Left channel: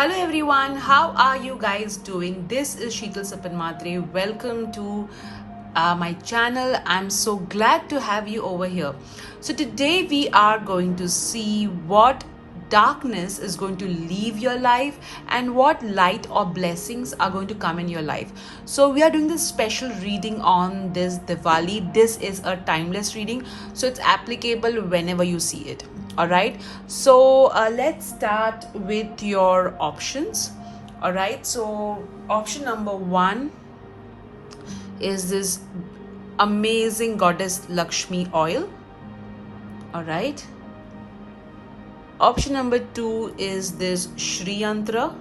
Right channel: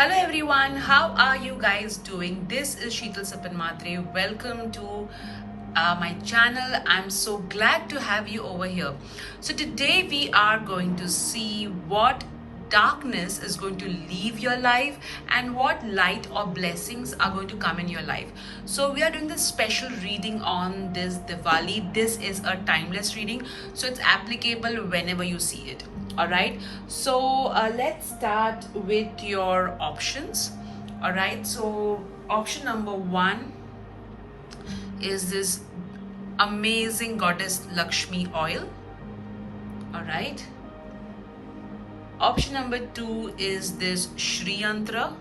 Hello everyone, how are you guys doing? This is Sheetal Sapanmatre. Welcome to my channel. I'm so glad to have you over here. So today we are going to see what darkness is going to leave your life and what light or blessings are going to come in your life. So we are doing this special reading on this Diwali. This is a timeless reading, so it's applicable whenever you see it. All right, so let's start with your options. All right, so option number one is this amazing goddess Lakshmi oil. All right, option number two is this Shri Yantra,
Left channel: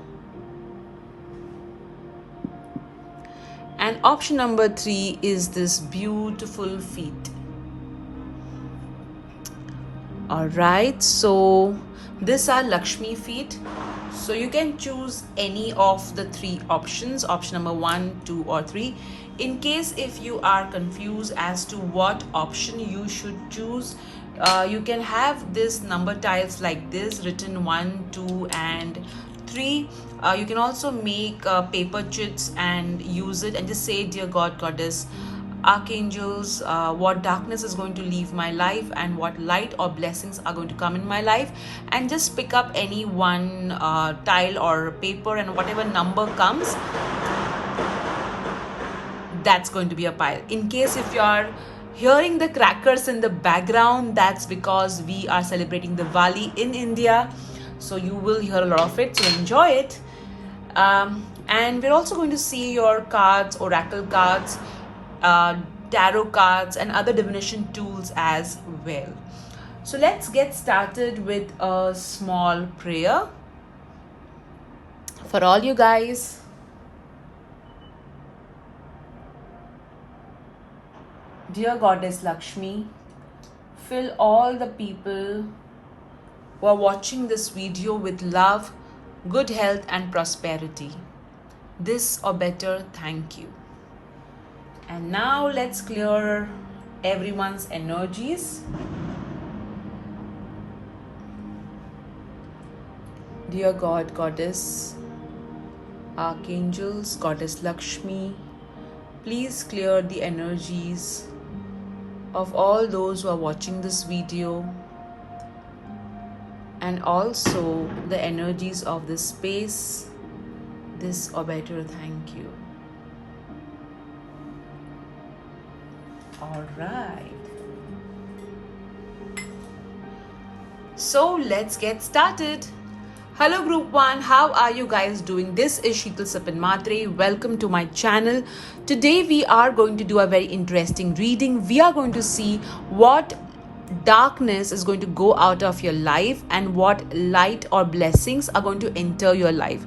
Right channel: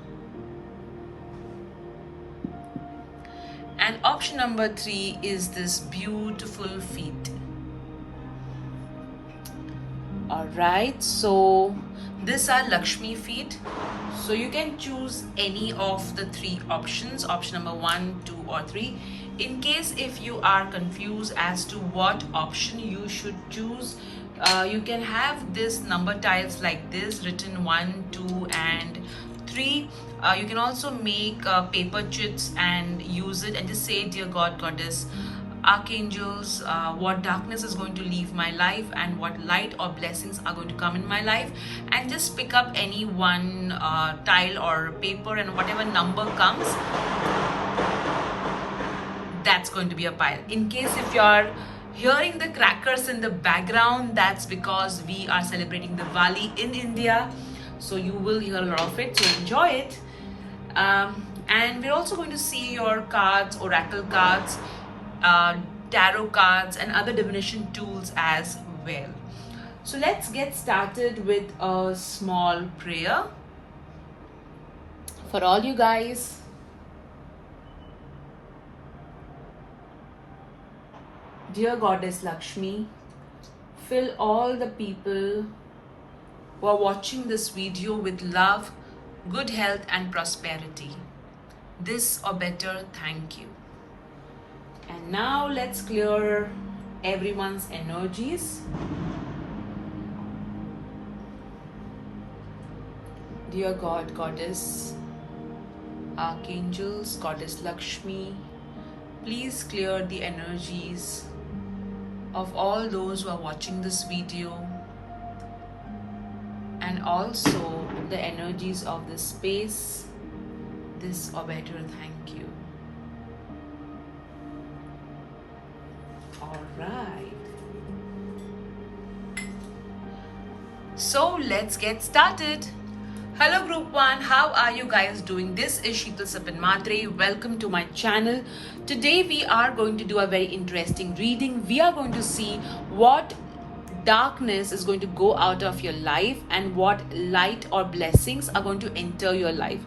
and option number three is this beautiful feet. All right, so these are Lakshmi feet. So you can choose any of the three options, option number 1, 2 or 3. In case if you are confused as to what option you should choose, you can have this number tiles like this written 1, 2 and 3. You can also make paper chits and use it and just say, dear God, Goddess, archangels, what darkness is going to leave my life and what light or blessings are going to come in my life, and just pick up any one tile or paper, and whatever number comes, that's going to be a pile. In case if you are hearing the crackers in the background, that's because we are celebrating Diwali in India, so you will hear a lot of it, so enjoy it. And we're also going to see your cards, oracle cards, tarot cards and other divination tools as well. So let's get started with a small prayer for all you guys. Dear Goddess Lakshmi, fill all the people who are watching this video with love, good health and prosperity. This or better, thank you. And now let's clear everyone's energies. Dear God, Goddess, Archangels, Goddess Lakshmi, please clear the energies of all those who are watching this video, and also the energies of this space. This or better, thank you. Alright, so let's get started. Hello group 1, how are you guys doing? This is Sheetal Sapanmatre. Welcome to my channel. Today we are going to do a very interesting reading. We are going to see what darkness is going to go out of your life and what light or blessings are going to enter your life.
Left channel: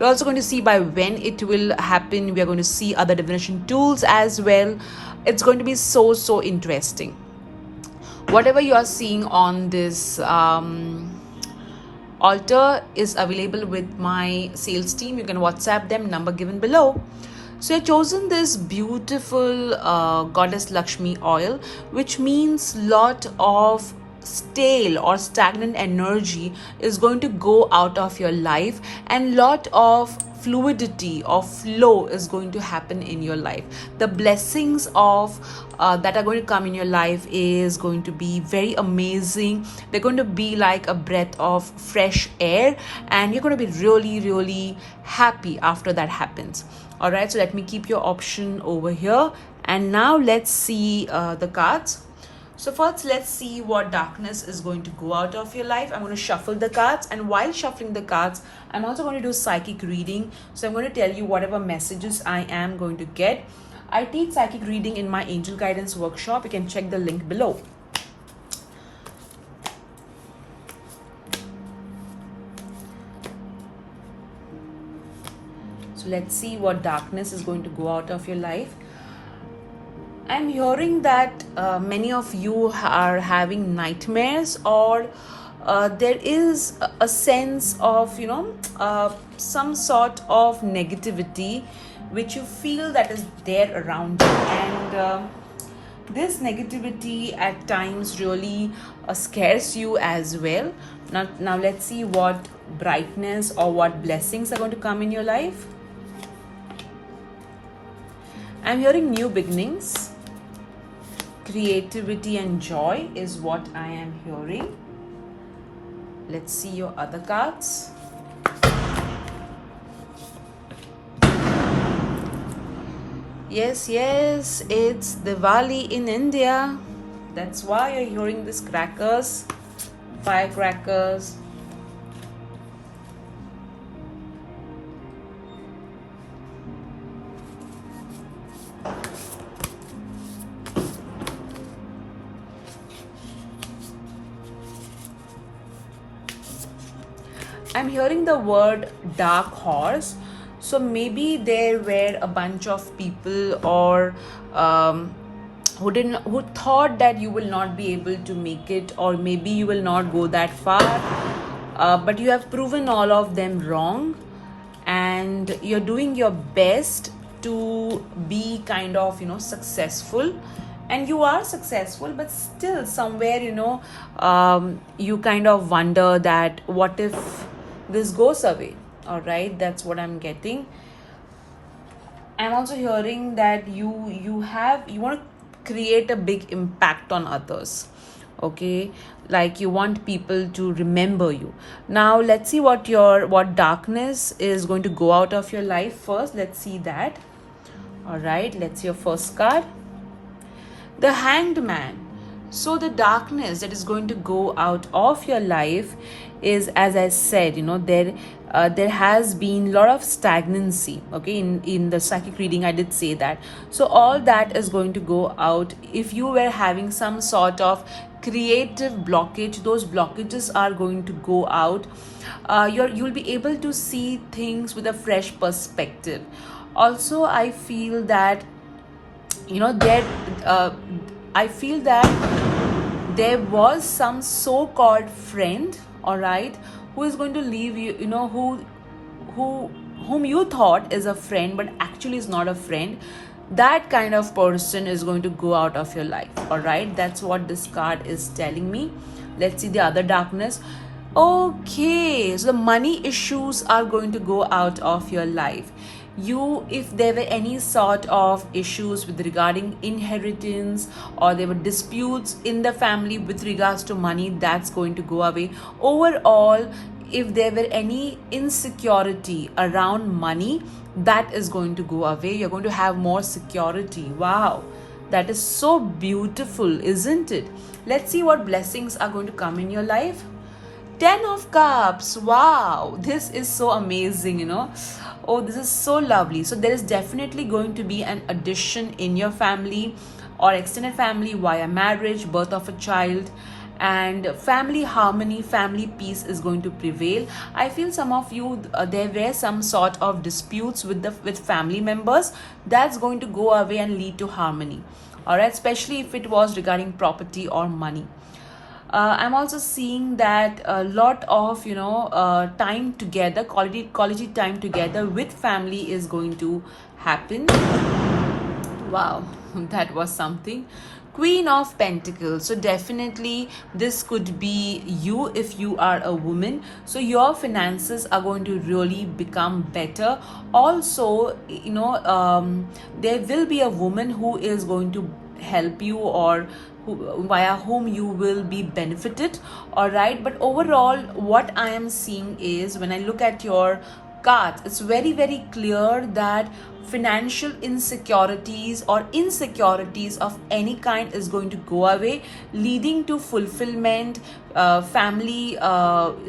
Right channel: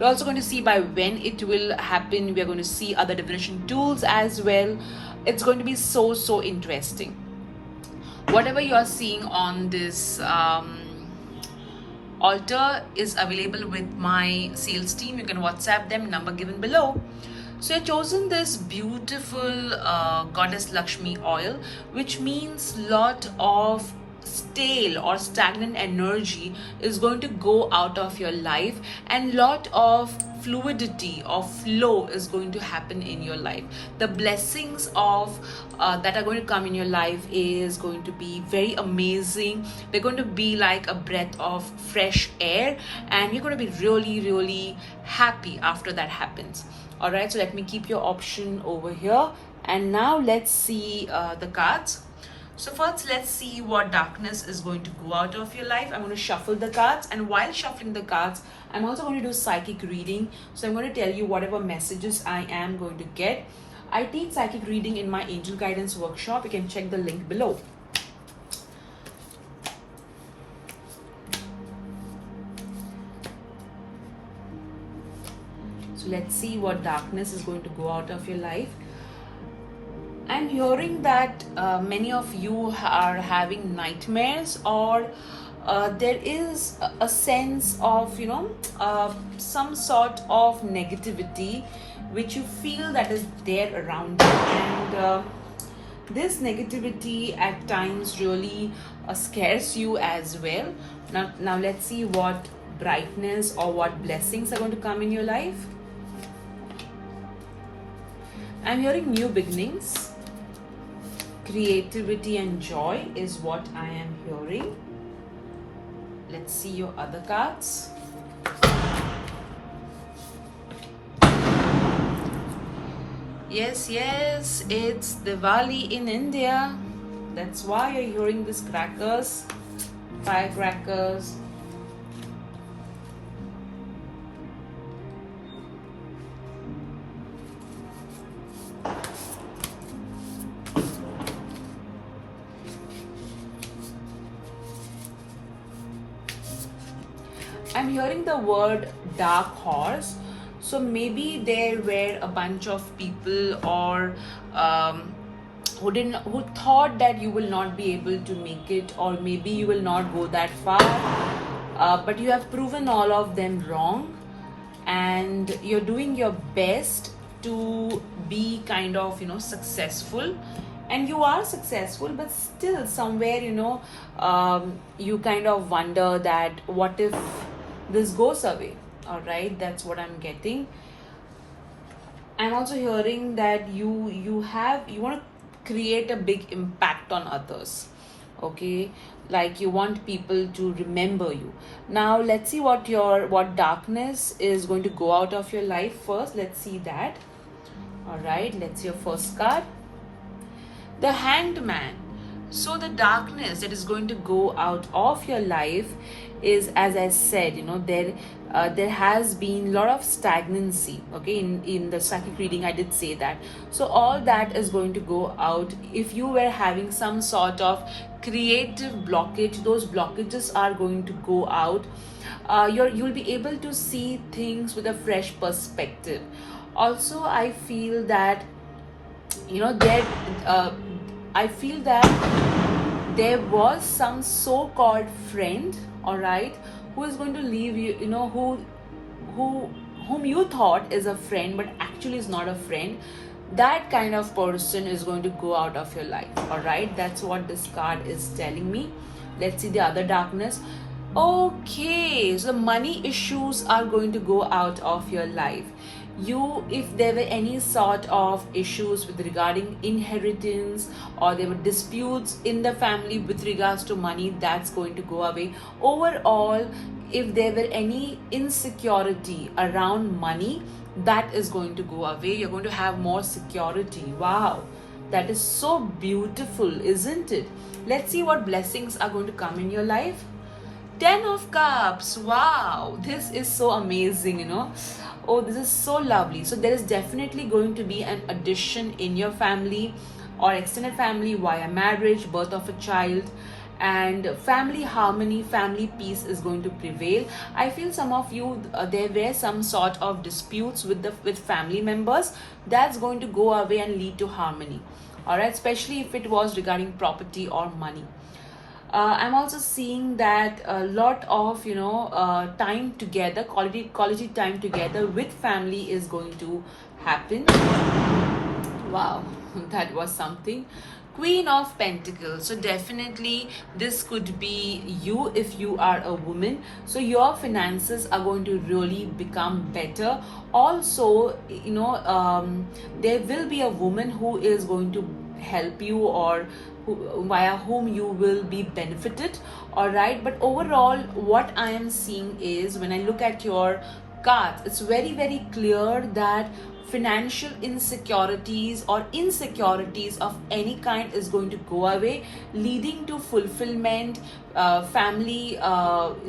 We're also going to see by when it will happen. We are going to see other divination tools as well. It's going to be so interesting. Whatever you are seeing on this altar is available with my sales team. You can WhatsApp them, number given below. So I've chosen this beautiful Goddess Lakshmi oil, which means lot of stale or stagnant energy is going to go out of your life, and lot of fluidity or flow is going to happen in your life. The blessings of that are going to come in your life is going to be very amazing. They're going to be like a breath of fresh air, and you're going to be really happy after that happens. All right, so let me keep your option over here, and now let's see the cards. So first, let's see what darkness is going to go out of your life. I'm going to shuffle the cards, and while shuffling the cards, I'm also going to do psychic reading. So I'm going to tell you whatever messages I am going to get. I teach psychic reading in my angel guidance workshop. You can check the link below. So let's see what darkness is going to go out of your life. I'm hearing that many of you are having nightmares, or there is a sense of, some sort of negativity which you feel that is there around you. And this negativity at times really scares you as well. Now let's see what brightness or what blessings are going to come in your life. I'm hearing new beginnings, creativity and joy is what I am hearing. Let's see your other cards. Yes, it's Diwali in India. That's why you're hearing these crackers, firecrackers. I'm hearing the word dark horse. So maybe there were a bunch of people or who thought that you will not be able to make it, or maybe you will not go that far. But you have proven all of them wrong, and you're doing your best to be kind of successful, and you are successful, but still somewhere you kind of wonder that what if this goes away. All right, that's what I'm getting. I'm also hearing that you want to create a big impact on others. Okay, like you want people to remember you. Now let's see what darkness is going to go out of your life first. Let's see that. All right, let's see your first card, the Hanged Man. So the darkness that is going to go out of your life is, as I said, there has been a lot of stagnancy. Okay, in the psychic reading I did say that. So all that is going to go out. If you were having some sort of creative blockage, those blockages are going to go out. You'll be able to see things with a fresh perspective. Also, I feel that I feel that there was some so-called friend, all right, who is going to leave you, whom you thought is a friend, but actually is not a friend. That kind of person is going to go out of your life, all right? That's what this card is telling me. Let's see the other darkness. Okay, so the money issues are going to go out of your life. If there were any sort of issues with regarding inheritance, or there were disputes in the family with regards to money, that's going to go away. Overall, if there were any insecurity around money, that is going to go away. You're going to have more security. Wow, that is so beautiful, isn't it? Let's see what blessings are going to come in your life. 10 of Cups. Wow, this is so amazing, Oh, this is so lovely. So there is definitely going to be an addition in your family or extended family via marriage, birth of a child, and family harmony, family peace is going to prevail. I feel some of you, there were some sort of disputes with family members. That's going to go away and lead to harmony. All right, especially if it was regarding property or money. I'm also seeing that a lot of time together, quality time together with family is going to happen. Wow, that was something. Queen of Pentacles. So definitely this could be you if you are a woman. So your finances are going to really become better. Also, there will be a woman who is going to help you, or via whom you will be benefited. All right, but overall what I am seeing is, when I look at your cards, it's very, very clear that financial insecurities or insecurities of any kind is going to go away, leading to fulfillment, family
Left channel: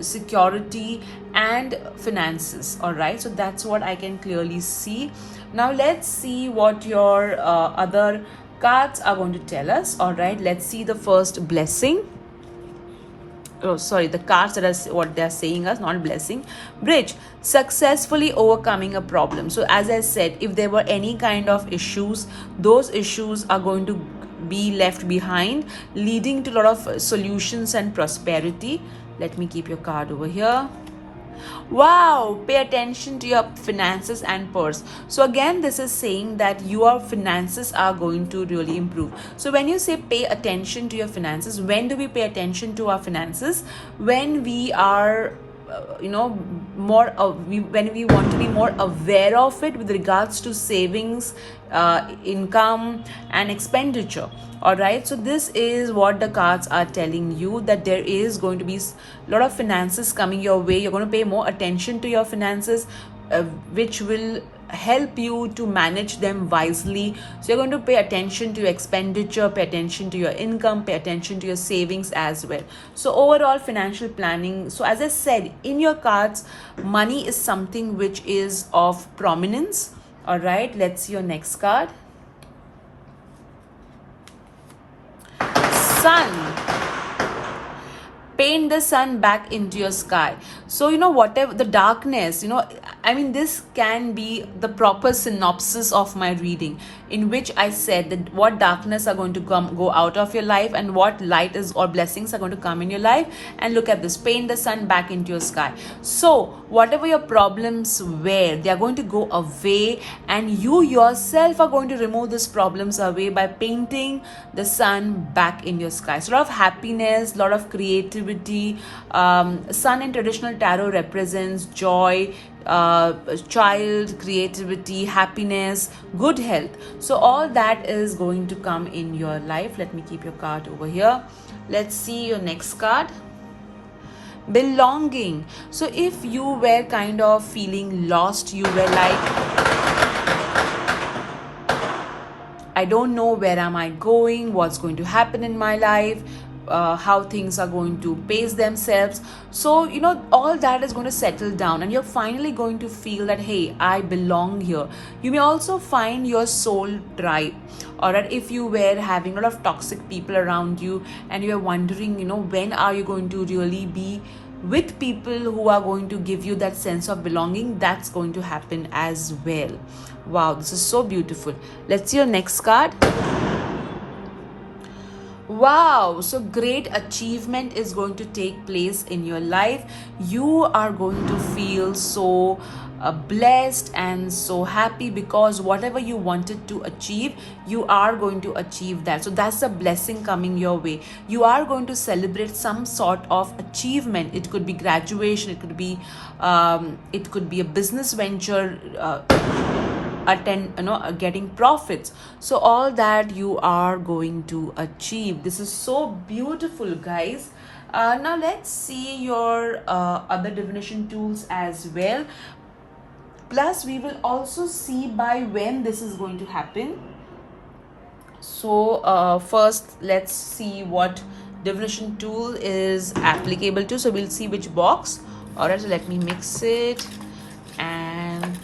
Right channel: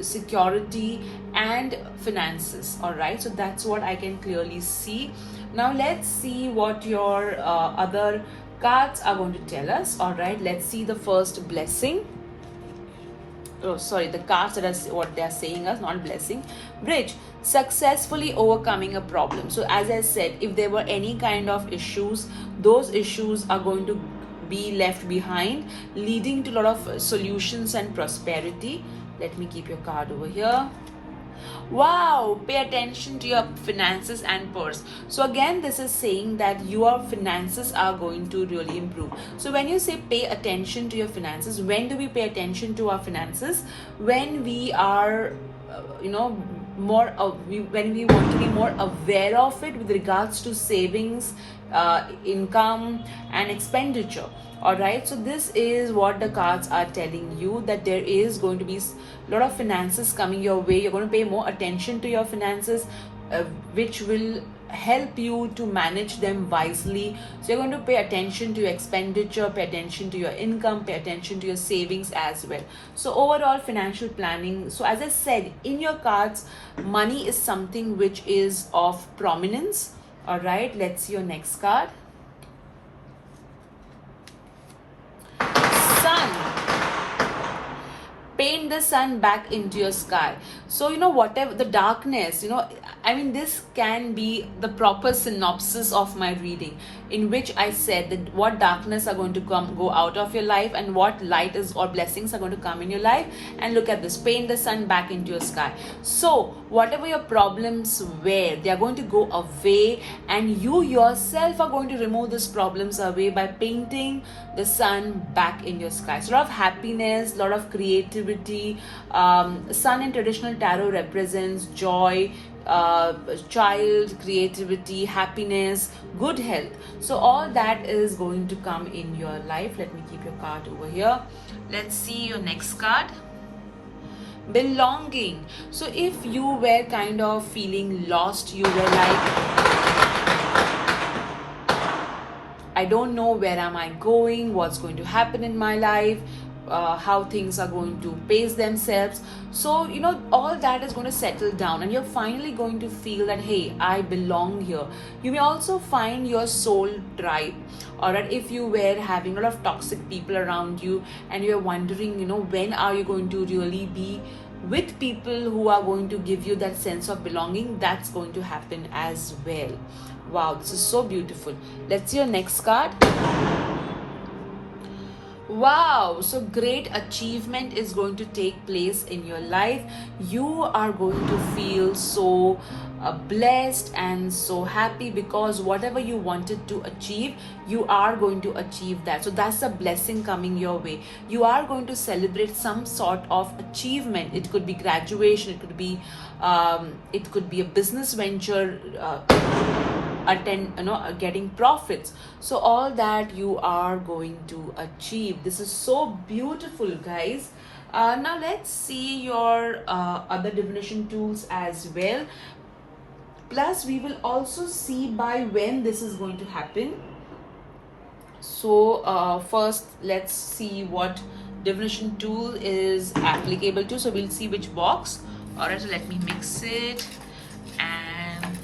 security and finances. All right, so that's what I can clearly see. Now let's see what your other cards are going to tell us. All right, let's see the first blessing. Oh, sorry, the cards that are what they're saying us, not blessing. Bridge, successfully overcoming a problem. So as I said, if there were any kind of issues, those issues are going to be left behind, leading to a lot of solutions and prosperity. Let me keep your card over here. Wow, pay attention to your finances and purse. So again, this is saying that your finances are going to really improve. So when you say pay attention to your finances, when do we pay attention to our finances? When we are when we want to be more aware of it with regards to savings, income and expenditure. All right, so this is what the cards are telling you, that there is going to be a lot of finances coming your way. You're going to pay more attention to your finances, which will help you to manage them wisely. So you're going to pay attention to your expenditure, pay attention to your income, pay attention to your savings as well. So overall financial planning. So as I said, in your cards, money is something which is of prominence. All right, let's see your next card. Sun. Paint the sun back into your sky. So whatever the darkness, I mean, this can be the proper synopsis of my reading, in which I said that what darkness are going to go out of your life, and what light is or blessings are going to come in your life. And look at this, paint the sun back into your sky. So whatever your problems were, they are going to go away, and you yourself are going to remove these problems away by painting the sun back in your sky. So a lot of happiness, a lot of creativity. Sun in traditional tarot represents joy, child, creativity, happiness, good health. So all that is going to come in your life. Let me keep your card over here. Let's see your next card. Belonging. So if you were kind of feeling lost, you were like, I don't know, where am I going, what's going to happen in my life, how things are going to pace themselves. So all that is going to settle down, and you're finally going to feel that, hey, I belong here. You may also find your soul tribe. Alright, if you were having a lot of toxic people around you, and you're wondering, when are you going to really be with people who are going to give you that sense of belonging, that's going to happen as well. Wow, this is so beautiful. Let's see your next card. Wow, so great achievement is going to take place in your life. You are going to feel so blessed and so happy, because whatever you wanted to achieve, you are going to achieve that. So that's a blessing coming your way. You are going to celebrate some sort of achievement. It could be graduation, it could be a business venture, getting profits. So all that you are going to achieve. This is so beautiful, guys. Now let's see your other divination tools as well. Plus we will also see by when this is going to happen. So first let's see what divination tool is applicable to. So we'll see which box. Alright, so let me mix it, and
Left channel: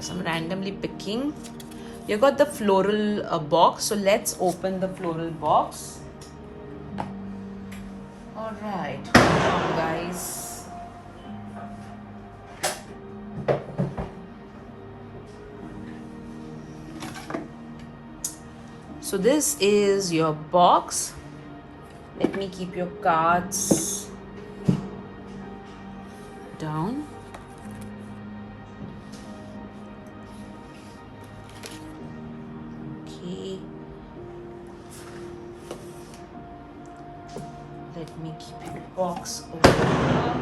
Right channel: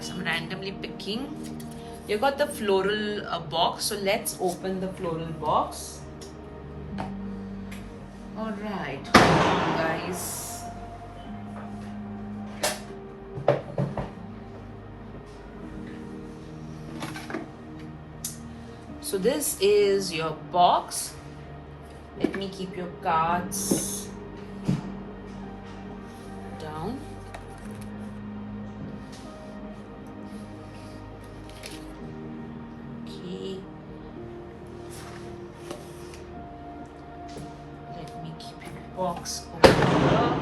so I'm randomly picking. You got the floral box, so let's open the floral box. All right, guys. So this is your box. Let me keep your cards down. Okay. Let me keep your box over here.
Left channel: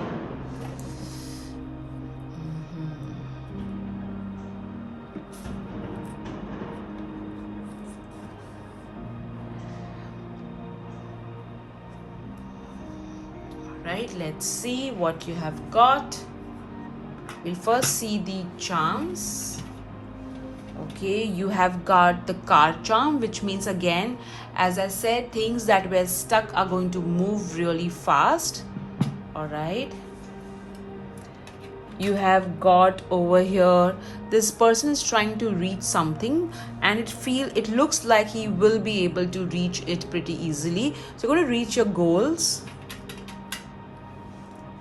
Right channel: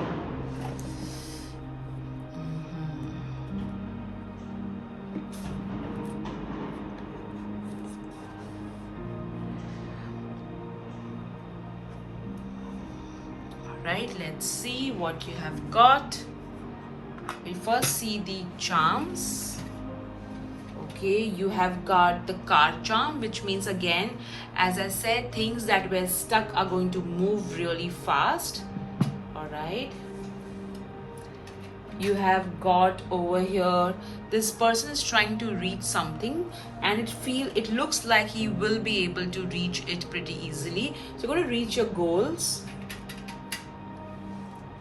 Right, let's see what you have got. We'll first see the charms. Okay, you have got the car charm, which means, again, as I said, things that were stuck are going to move really fast. All right. You have got over here, this person is trying to reach something, and it looks like he will be able to reach it pretty easily. So you're going to reach your goals.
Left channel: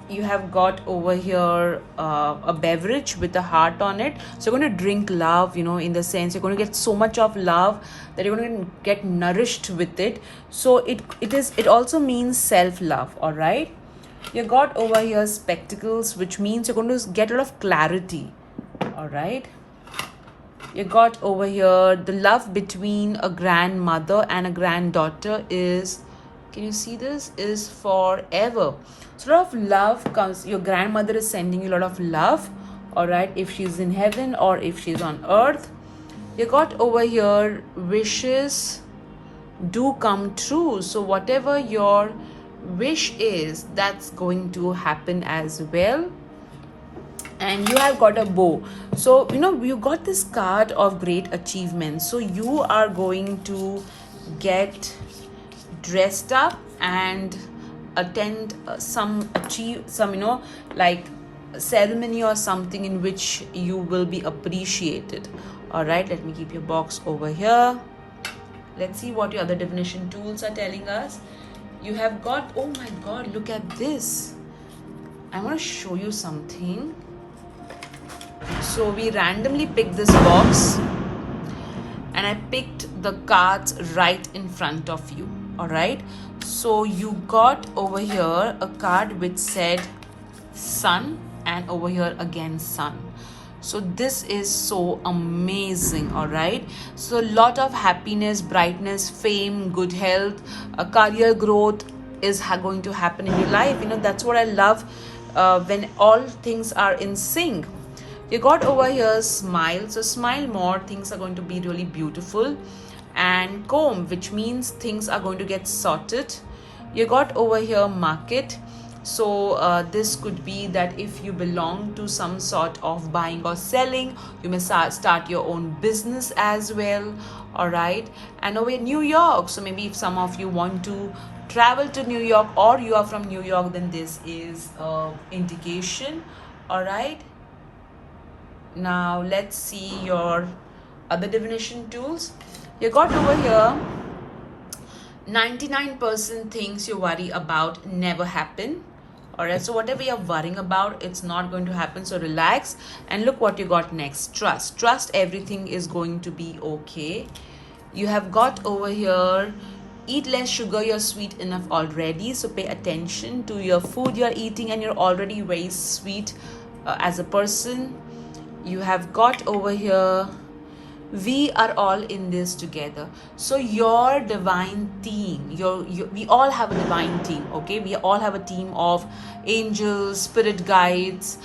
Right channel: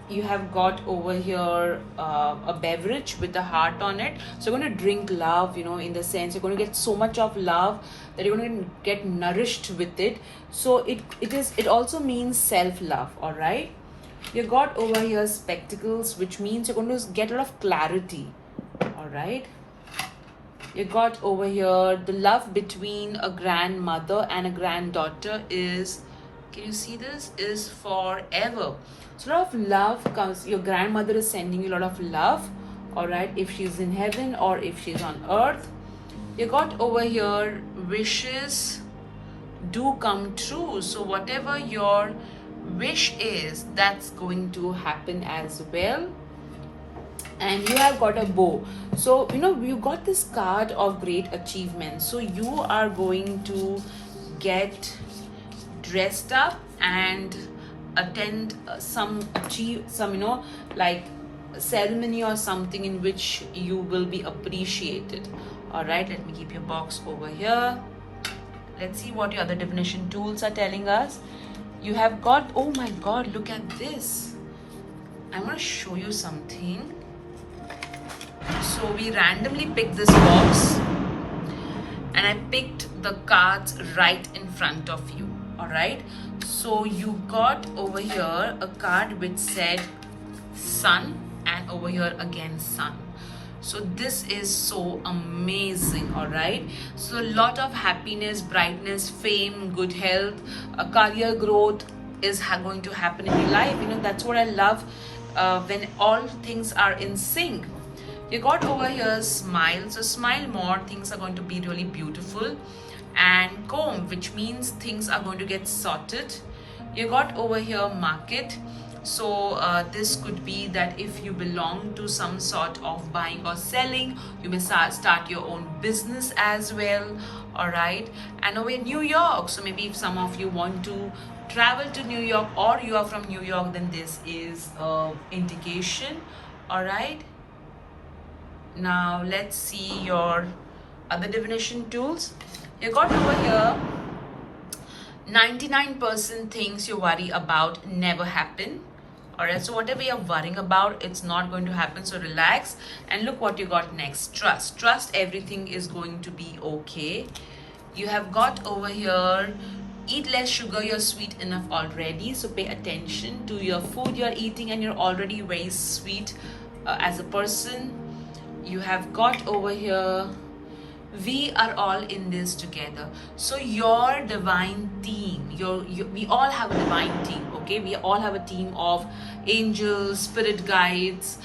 You have got over here a beverage with a heart on it. So you're going to drink love, in the sense you're going to get so much of love that you're going to get nourished with it. So it also means self-love. All right. You got over here spectacles, which means you're going to get a lot of clarity. All right. You got over here the love between a grandmother and a granddaughter is, can you see this, is forever. So a lot of love comes, your grandmother is sending you a lot of love, all right, if she's in heaven or if she's on earth. You got over here, wishes do come true. So whatever your wish is, that's going to happen as well. And you have got a bow. So you got this card of great achievement. So you are going to get dressed up and attend some like ceremony or something in which you will be appreciated. All right, let me keep your box over here. Let's see what your other divination tools are telling us. You have got, oh my god, look at this. I want to show you something. So we randomly picked this box and I picked the cards right in front of you. All right, so you got over here a card which said sun, and over here again sun. So this is so amazing. All right, so a lot of happiness, brightness, fame, good health, career growth is going to happen in your life. That's what I love, when all things are in sync. You got over here smile, so smile more, things are going to be really beautiful. And comb, which means things are going to get sorted. You got over here market, so this could be that if you belong to some sort of buying or selling, you may start your own business as well. All right, and over here New York, so maybe if some of you want to travel to New York or you are from New York, then this is indication. All right, now let's see your other divination tools. You got over here 99% things you worry about never happen. All right, so whatever you're worrying about, it's not going to happen. So relax, and look what you got next. Trust everything is going to be okay. You have got over here eat less sugar, you're sweet enough already. So pay attention to your food you're eating, and you're already very sweet as a person. You have got over here we are all in this together. So your divine team, we all have a divine team. Okay, we all have a team of angels, spirit guides,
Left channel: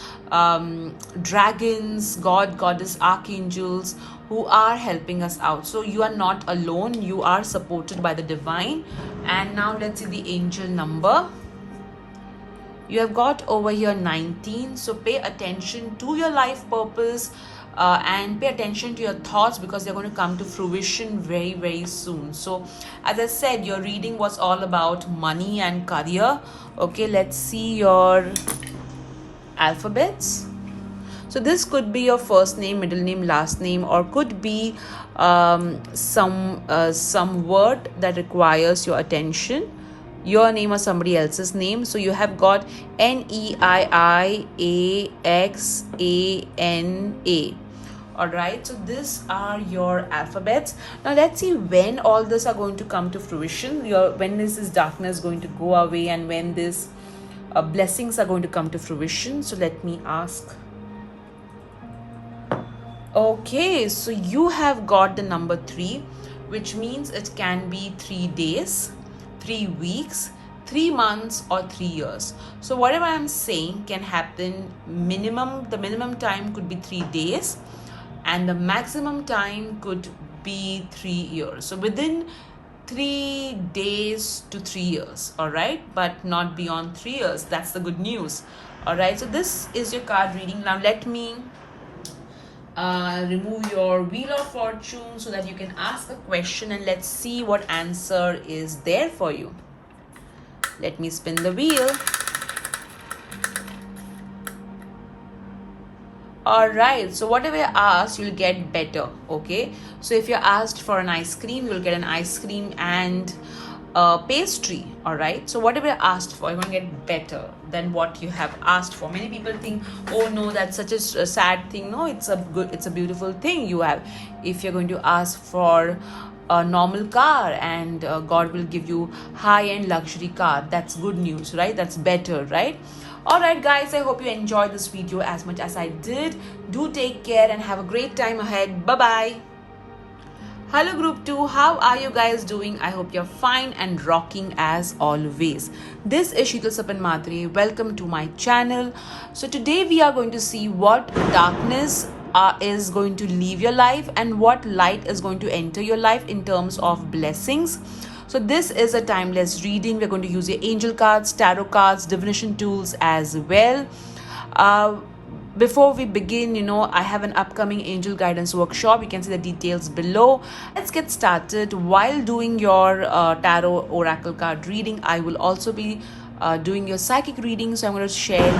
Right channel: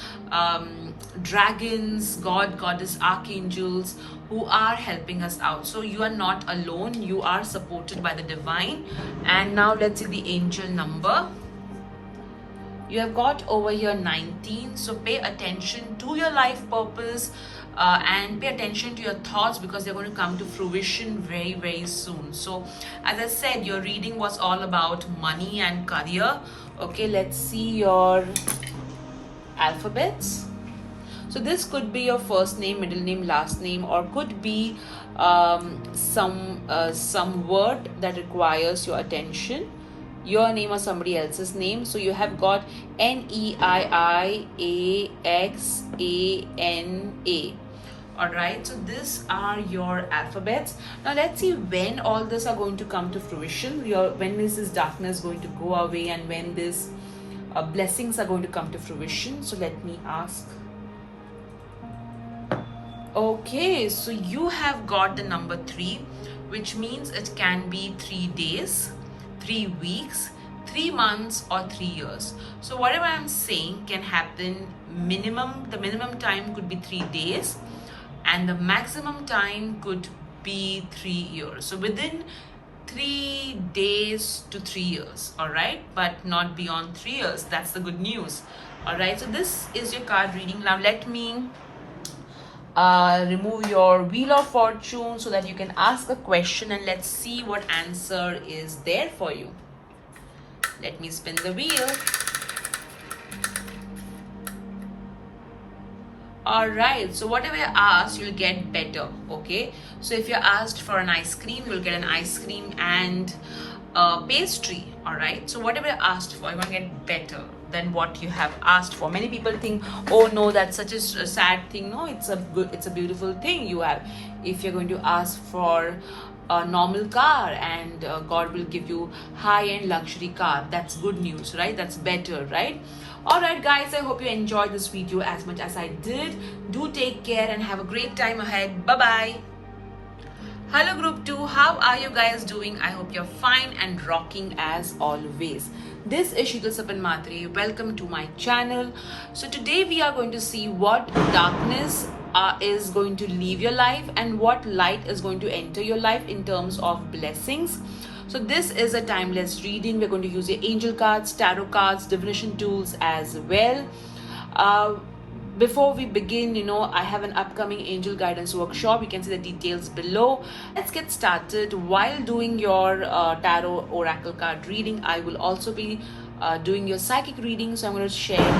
dragons, god, goddess, archangels who are helping us out. So you are not alone, you are supported by the divine. And now let's see the angel number. You have got over here 19. So pay attention to your life purpose, and pay attention to your thoughts, because they're going to come to fruition very, very soon. So as I said, your reading was all about money and career. Okay, let's see your alphabets. So this could be your first name, middle name, last name, or could be some word that requires your attention, your name or somebody else's name. So you have got NEIIAXANA. All right, so these are your alphabets. Now let's see when all this are going to come to fruition. When is this darkness going to go away, and when this blessings are going to come to fruition. So let me ask. Okay, so you have got the number 3, which means it can be 3 days, 3 weeks, 3 months, or 3 years. So whatever I'm saying can happen. The minimum time could be 3 days, and the maximum time could be 3 years. So within 3 days to 3 years, all right, but not beyond 3 years. That's the good news. All right, so this is your card reading. Now let me remove your wheel of fortune so that you can ask a question, and let's see what answer is there for you. Let me spin the wheel. All right, so whatever you ask, you'll get better. Okay, so if you're asked for an ice cream, you'll get an ice cream and pastry. All right, so whatever you asked for, you're going to get better than what you have asked for. Many people think, oh no, that's such a sad thing. No, it's a beautiful thing you have. If you're going to ask for a normal car, and God will give you high-end luxury car, that's good news, right? That's better, right? All right, guys, I hope you enjoyed this video as much as I did. Do take care and have a great time ahead. Bye bye. Hello group 2, how are you guys doing? I hope you're fine and rocking as always. This is Sheetal Sapan Matre. Welcome to my channel. So today we are going to see what darkness is going to leave your life and what light is going to enter your life in terms of blessings. So this is a timeless reading. We're going to use your angel cards, tarot cards, divination tools as well. Before we begin, I have an upcoming angel guidance workshop. You can see the details below. Let's get started. While doing your tarot oracle card reading, I will also be doing your psychic reading. So I'm going to share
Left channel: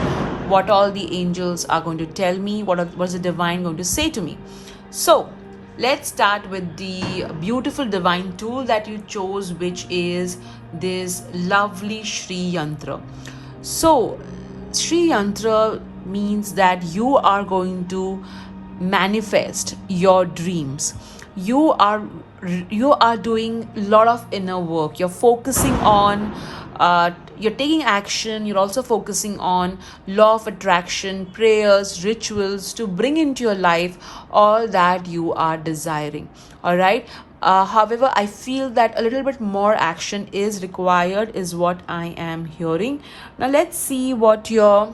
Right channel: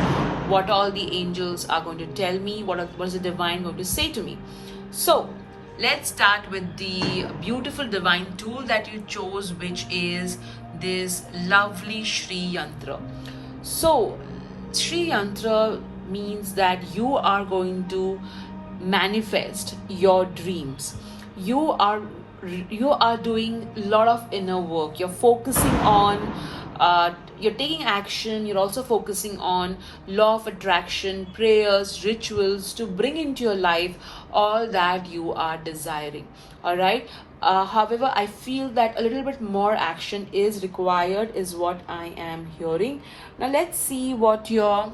what all the angels are going to tell me, what is the divine going to say to me. So let's start with the beautiful divine tool that you chose, which is this lovely Shri Yantra. So Shri Yantra means that you are going to manifest your dreams. You are doing a lot of inner work. You're focusing on you're taking action. You're also focusing on law of attraction, prayers, rituals to bring into your life all that you are desiring. All right. However, I feel that a little bit more action is required, is what I am hearing. Now let's see what your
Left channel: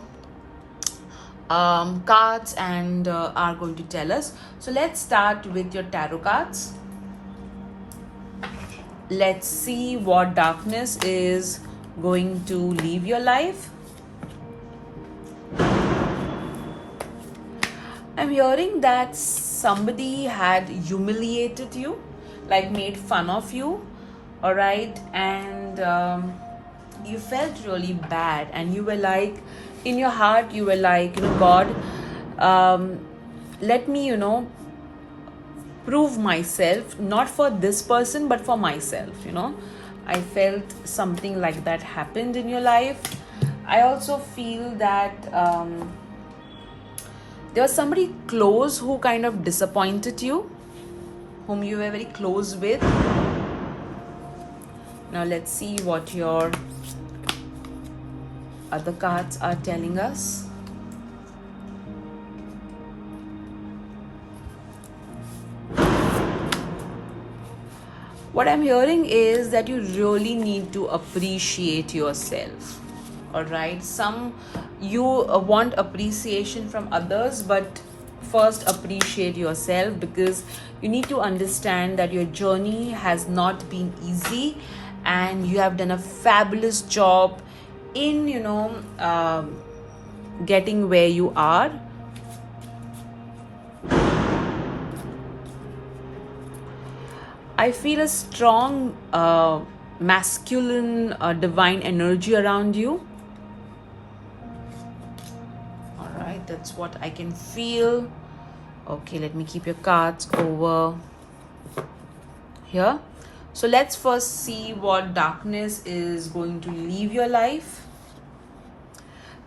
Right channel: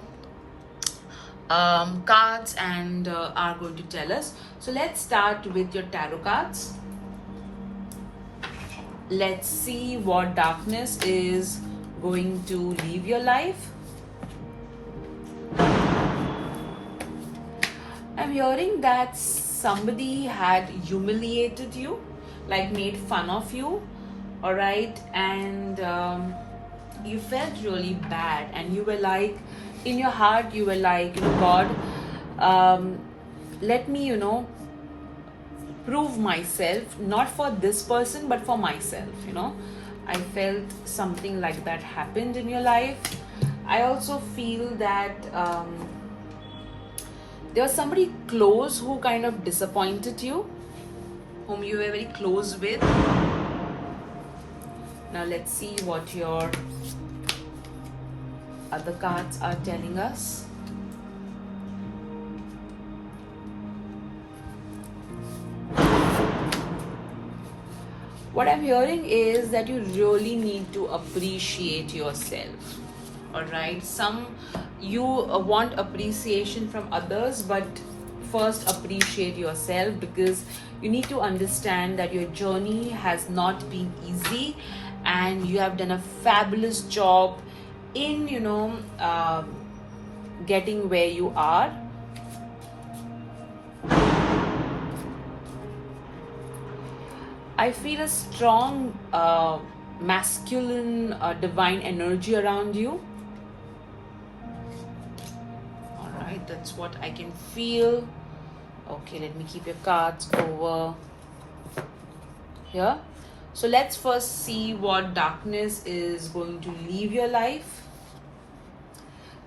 cards and are going to tell us. So let's start with your tarot cards. Let's see what darkness is going to leave your life. I'm hearing that somebody had humiliated you, like made fun of you, all right, and you felt really bad, and you were like, in your heart you were like, God, let me prove myself, not for this person but for myself. I felt something like that happened in your life. I also feel that there was somebody close who kind of disappointed you, whom you were very close with. Now let's see what your other cards are telling us. What I'm hearing is that you really need to appreciate yourself. All right, you want appreciation from others, but first appreciate yourself, because you need to understand that your journey has not been easy and you have done a fabulous job in getting where you are. I feel a strong masculine divine energy around you. All right, that's what I can feel. Okay, let me keep your cards over here. So let's first see what darkness is going to leave your life.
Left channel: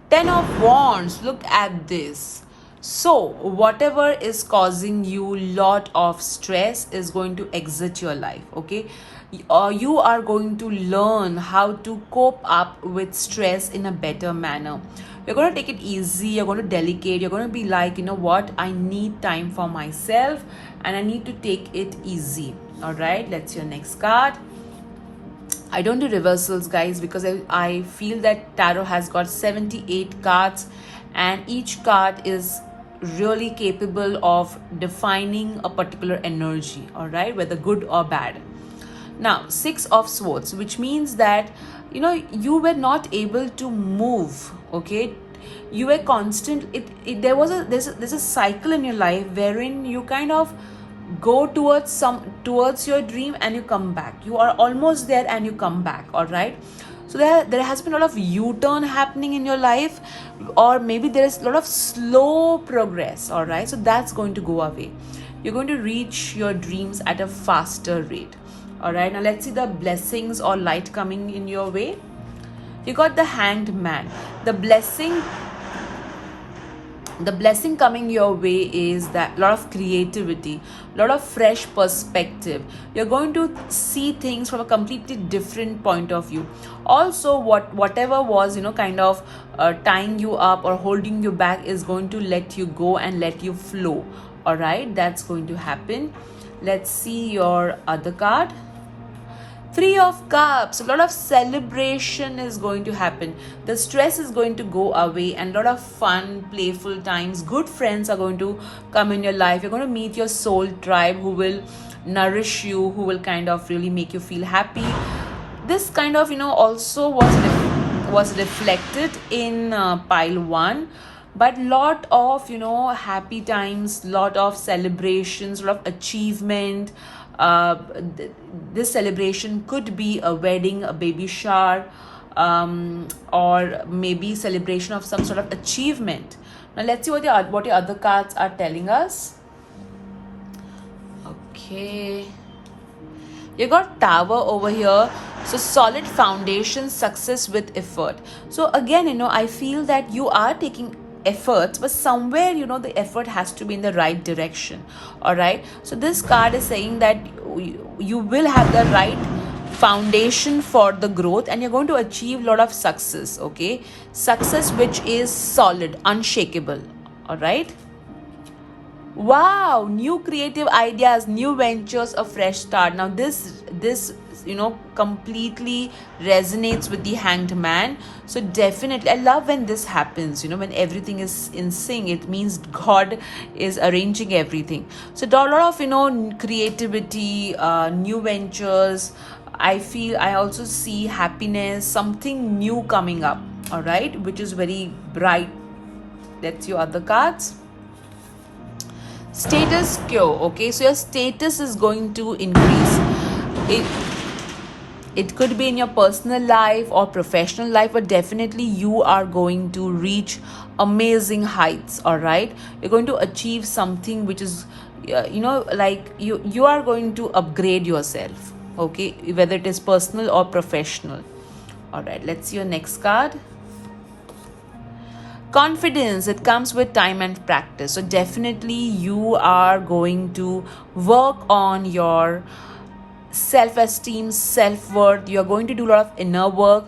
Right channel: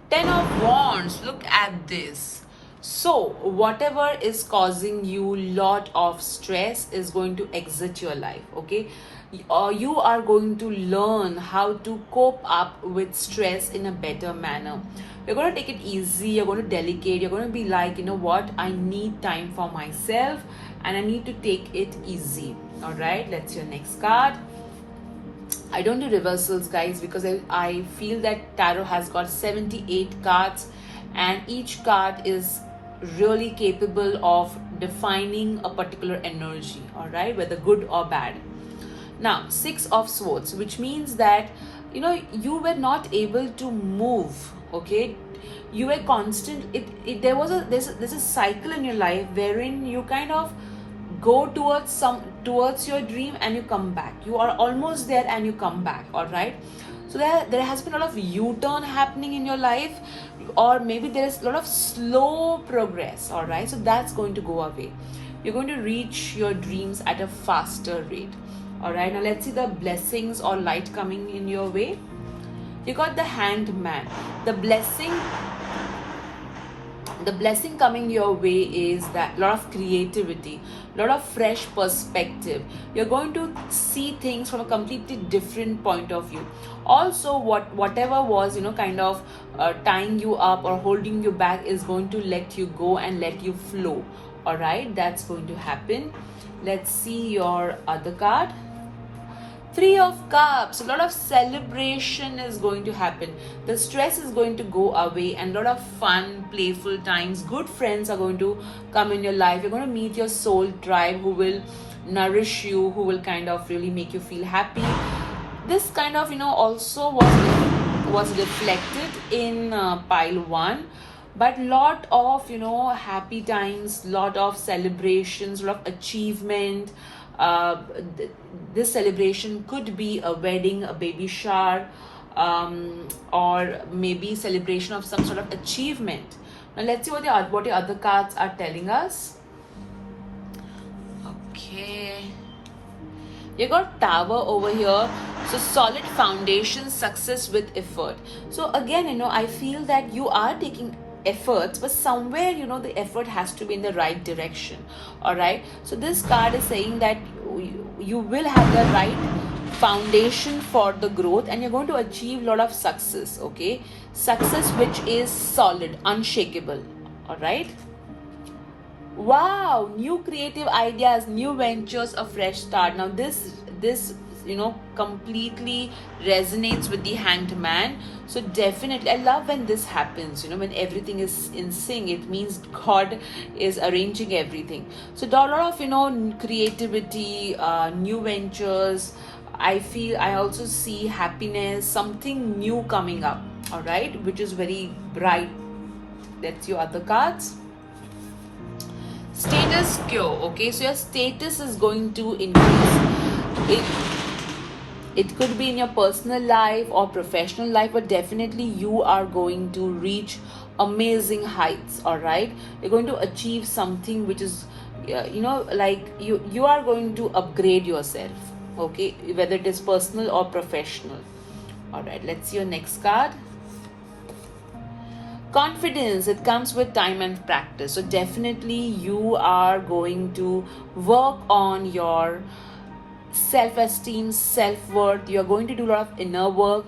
10 of Wands, look at this. So whatever is causing you lot of stress is going to exit your life, okay? You are going to learn how to cope up with stress in a better manner. You're going to take it easy, you're going to delegate, you're going to be like, what, I need time for myself and I need to take it easy. All right, let's your next card. I don't do reversals, guys, because I feel that tarot has got 78 cards and each card is really capable of defining a particular energy, all right, whether good or bad. Now 6 of Swords, which means that you were not able to move, okay? You were constant. There's a cycle in your life wherein you kind of go towards your dream and you come back. You are almost there and you come back, all right? So there has been a lot of U-turn happening in your life, or maybe there is a lot of slow progress, all right? So that's going to go away. You're going to reach your dreams at a faster rate, all right? Now let's see the blessings or light coming in your way. You got the Hanged Man. The blessing The blessing coming your way is that a lot of creativity, a lot of fresh perspective. You're going to see things from a completely different point of view. Also, whatever was, kind of tying you up or holding you back is going to let you go and let you flow. All right, that's going to happen. Let's see your other card. Three of Cups, a lot of celebration is going to happen. The stress is going to go away and a lot of fun, playful times. Good friends are going to come in your life. You're going to meet your soul tribe who will nourish you, who will kind of really make you feel happy. This kind of, also was reflected in pile 1, but lot of happy times, lot of celebrations, lot of achievement. This celebration could be a wedding, a baby shower, or maybe celebration of some sort of achievement. Now let's see what your other cards are telling us. Okay, you got Tower over here. So solid foundation, success with effort. So again, I feel that you are taking efforts, but somewhere the effort has to be in the right direction. All right, so this card is saying that you will have the right foundation for the growth and you're going to achieve a lot of success. Okay, success which is solid, unshakable. All right. Wow, new creative ideas, new ventures, a fresh start. Now this completely resonates with the Hanged Man. So definitely, I love when this happens, when everything is in sync. It means God is arranging everything. So a lot of creativity, new ventures. I also see happiness, something new coming up. All right, which is very bright. That's your other cards. Status quo. Okay, so your status is going to increase. It could be in your personal life or professional life, but definitely you are going to reach amazing heights. All right, you're going to achieve something which is like you are going to upgrade yourself. Okay, whether it is personal or professional. All right, let's see your next card. Confidence, it comes with time and practice. So definitely you are going to work on your self-esteem, self-worth. You're going to do a lot of inner work.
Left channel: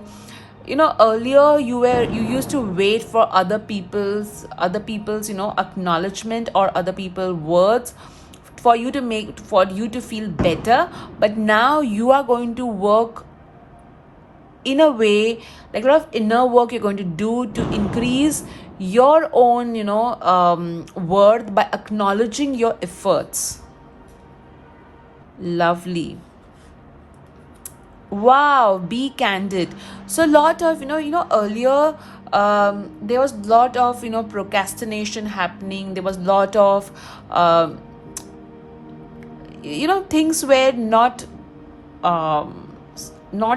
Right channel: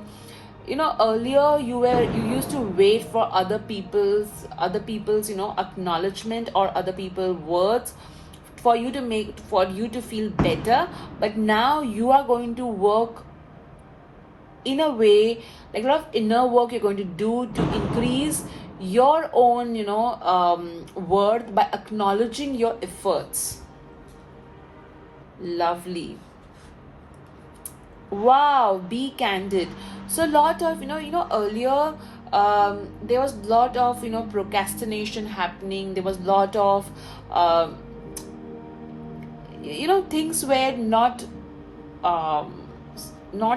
Earlier you used to wait for other people's acknowledgement or other people's words for you to feel better, but now you are going to work in a way, like a lot of inner work you're going to do to increase your own worth by acknowledging your efforts. Lovely. Wow, be candid. So a lot of earlier there was a lot of procrastination happening. There was a lot of things were not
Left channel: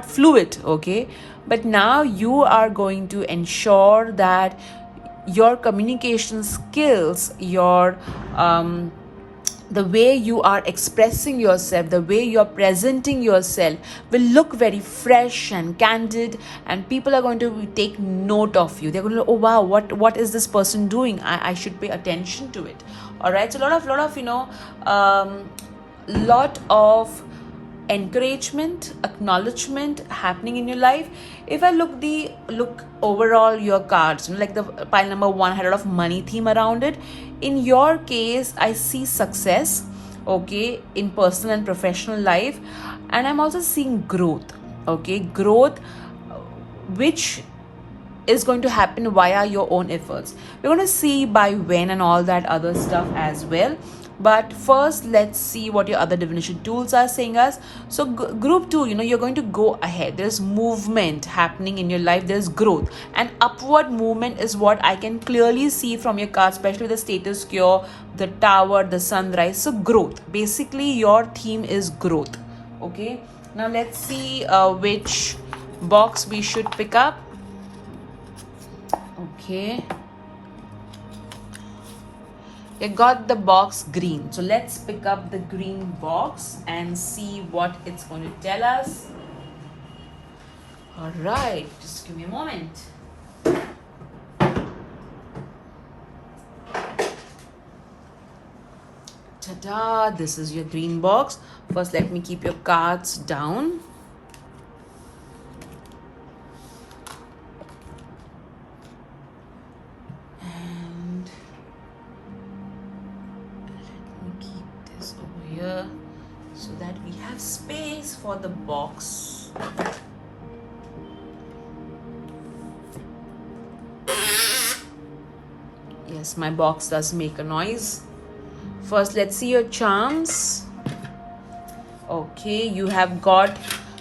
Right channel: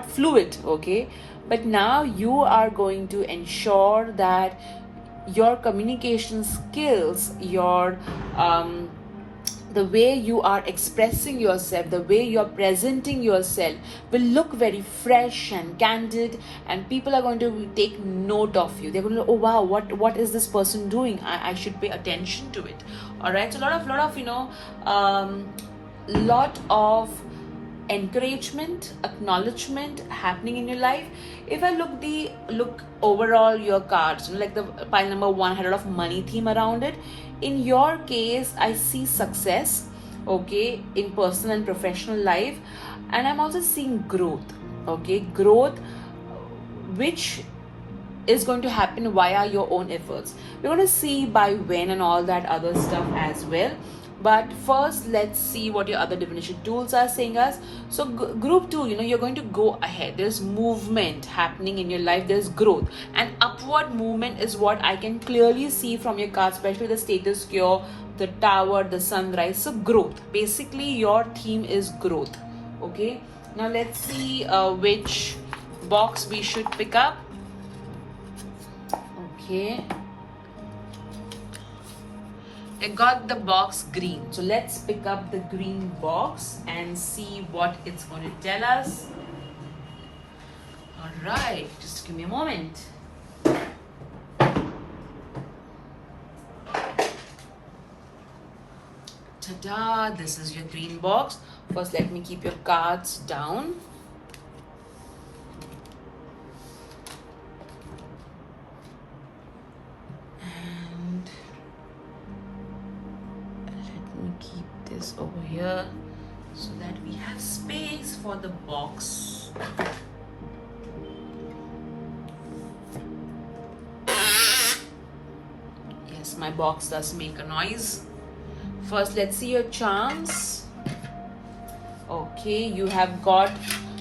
fluid. Okay, but now you are going to ensure that your communication skills, your the way you are expressing yourself, the way you're presenting yourself will look very fresh and candid, and people are going to take note of you. They're going to, oh wow, what is this person doing? I should pay attention to it. All right, so a lot of encouragement, acknowledgement happening in your life. If I look overall your cards, like the pile number 1 had a lot of money theme around it. In your case, I see success, okay, in personal and professional life, and I'm also seeing growth. Okay, growth which is going to happen via your own efforts. We're going to see by when and all that other stuff as well. But first, let's see what your other divination tools are saying us. So group 2, you're going to go ahead. There's movement happening in your life. There's growth. And upward movement is what I can clearly see from your cards, especially the status quo, the tower, the sunrise. So growth. Basically, your theme is growth. Okay. Now let's see which box we should pick up. Okay. I got the box green. So let's pick up the green box and see what it's going to tell us. All right, just give me a moment. Ta-da! This is your green box. First, let me keep your cards down. And let me keep this over here so that we have space for the box. Yes, my box does make a noise. First, let's see your charms. Okay, you have got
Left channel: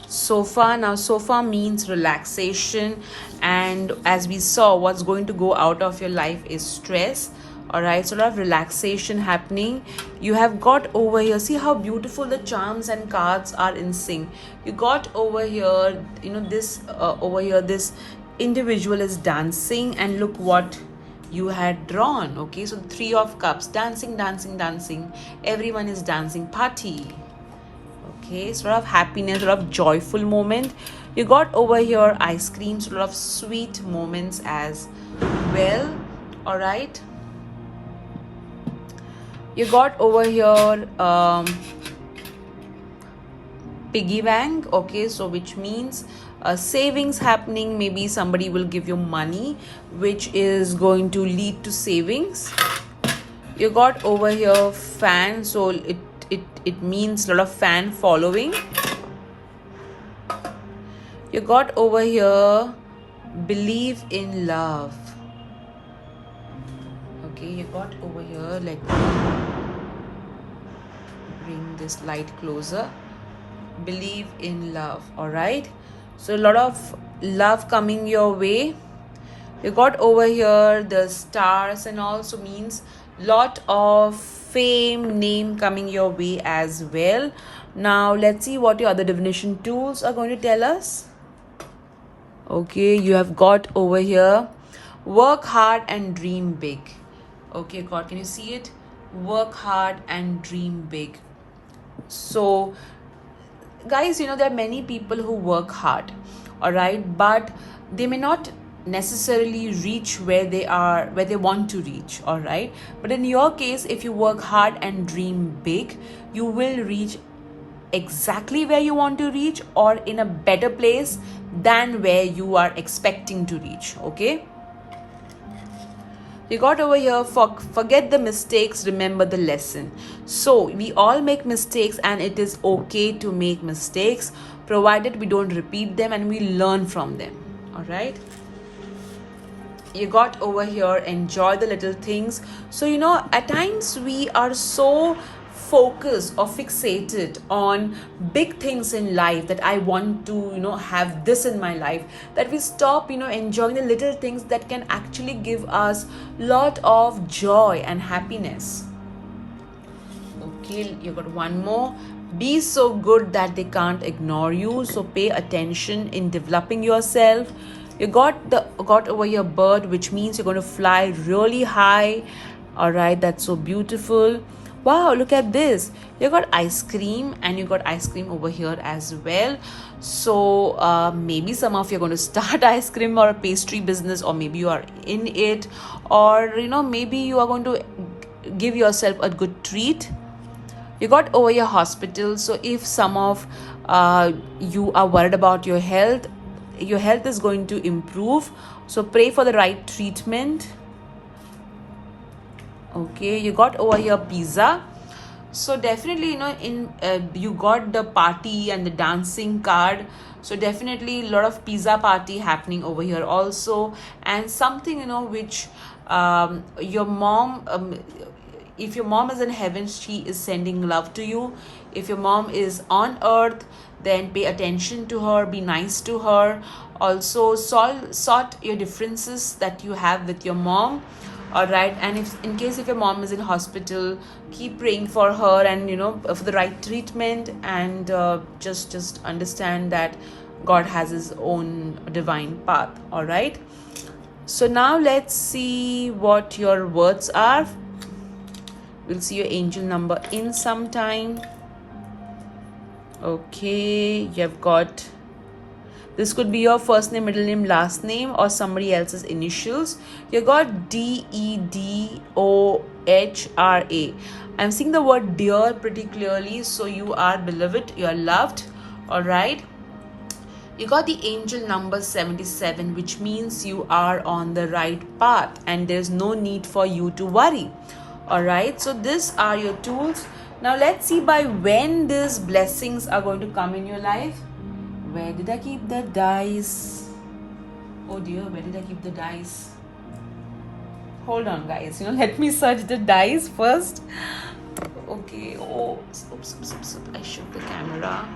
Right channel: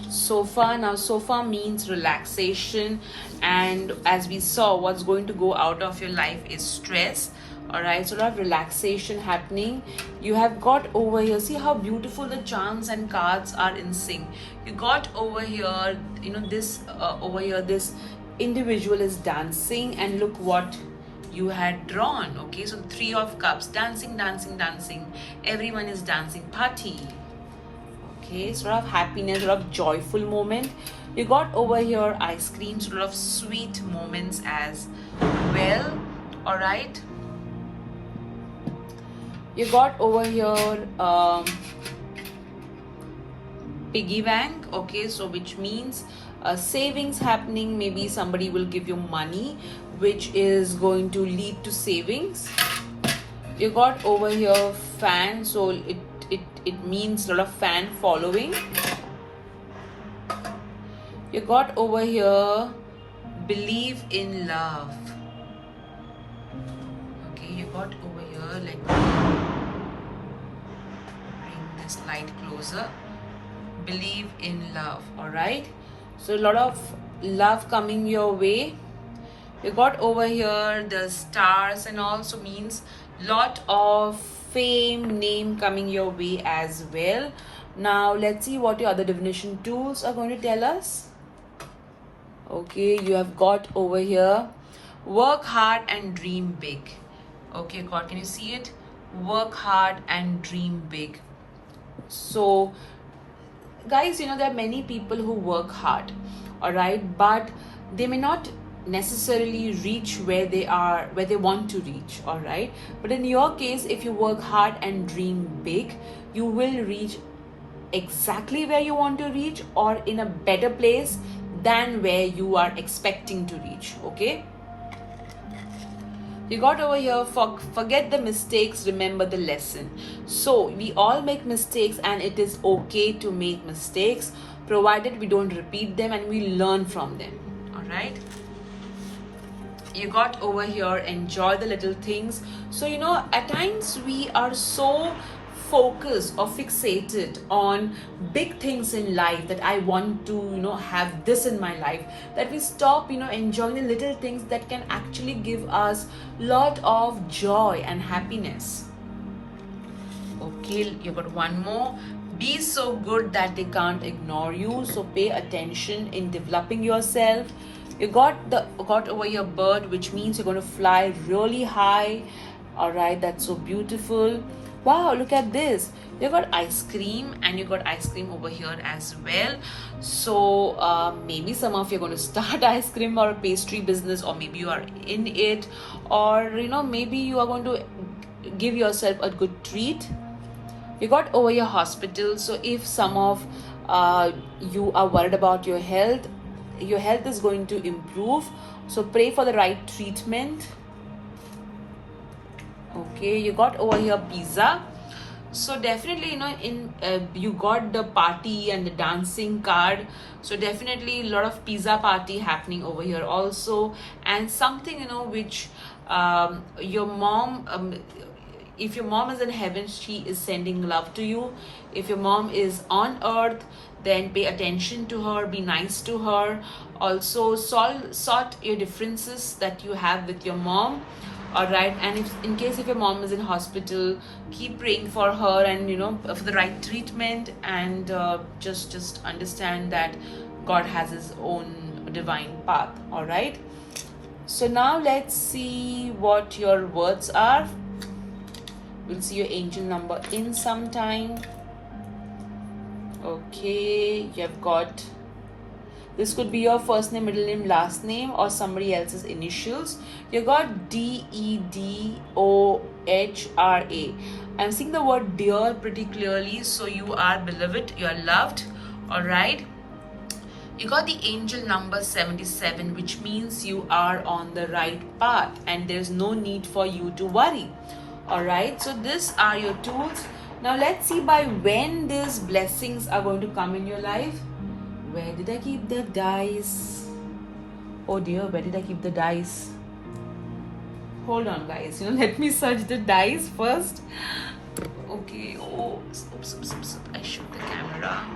sofa. Now, sofa means relaxation, and as we saw, what's going to go out of your life is stress. Alright, so a lot of relaxation happening. You have got over here, see how beautiful the charms and cards are in sync. You got over here, you know, this over here, this individual is dancing, and look what you had drawn. Okay, so the Three of Cups, dancing, dancing, dancing. Everyone is dancing, party. Okay, so a lot of happiness, a lot of joyful moment. You got over here ice cream, so a lot of sweet moments as well. All right, you got over here piggy bank. Okay, so which means savings happening. Maybe somebody will give you money which is going to lead to savings. You got over here fan, so it means a lot of fan following. You got over here believe in love. Okay, you got over here, let me bring this light closer. Believe in love. All right, so a lot of love coming your way. You got over here the stars and also means lot of fame, name coming your way as well. Now let's see what your other divination tools are going to tell us. Okay, you have got over here work hard and dream big. Okay, God, can you see it? Work hard and dream big. So guys, you know, there are many people who work hard, all right, but they may not necessarily reach where they are, where they want to reach, all right. But in your case, if you work hard and dream big, you will reach exactly where you want to reach, or in a better place than where you are expecting to reach. Okay, you got over here forget the mistakes, remember the lesson. So we all make mistakes, and it is okay to make mistakes provided we don't repeat them and we learn from them. All right, you got over here enjoy the little things. So you know, at times we are so focused or fixated on big things in life, that I want to, you know, have this in my life, that we stop, you know, enjoying the little things that can actually give us lot of joy and happiness. Okay, you got one more. Be so good that they can't ignore you. So pay attention in developing yourself. You got over your bird, which means you're going to fly really high. All right, that's so beautiful. Wow, look at this. You got ice cream, and you got ice cream over here as well. So maybe some of you are going to start ice cream or a pastry business, or maybe you are in it, or you know, maybe you are going to give yourself a good treat. You got over your hospital. So if some of you are worried about your health is going to improve. So pray for the right treatment. Okay, you got over your pizza. So definitely, you know, you got the party and the dancing card. So definitely a lot of pizza party happening over here also, and something, you know, which your mom, if your mom is in heaven, she is sending love to you. If your mom is on earth, then pay attention to her, be nice to her. Also sort your differences that you have with your mom. All right, and if in case if your mom is in hospital, keep praying for her, and you know, for the right treatment, and just understand that God has his own divine path. All right, so now let's see what your words are. We'll see your angel number in some time. Okay, you've got, this could be your first name, middle name, last name, or somebody else's initials. You got DEDOOR. DEHRA. I'm seeing the word dear pretty clearly, so you are beloved, you are loved. All right. You got the angel number 77, which means you are on the right path and there's no need for you to worry. All right. So these are your tools. Now let's see by when these blessings are going to come in your life. Where did I keep the dice? Oh dear, where did I keep the dice? Hold on, guys. Let me search the dice first. Okay. Oh, oops. I shook the camera,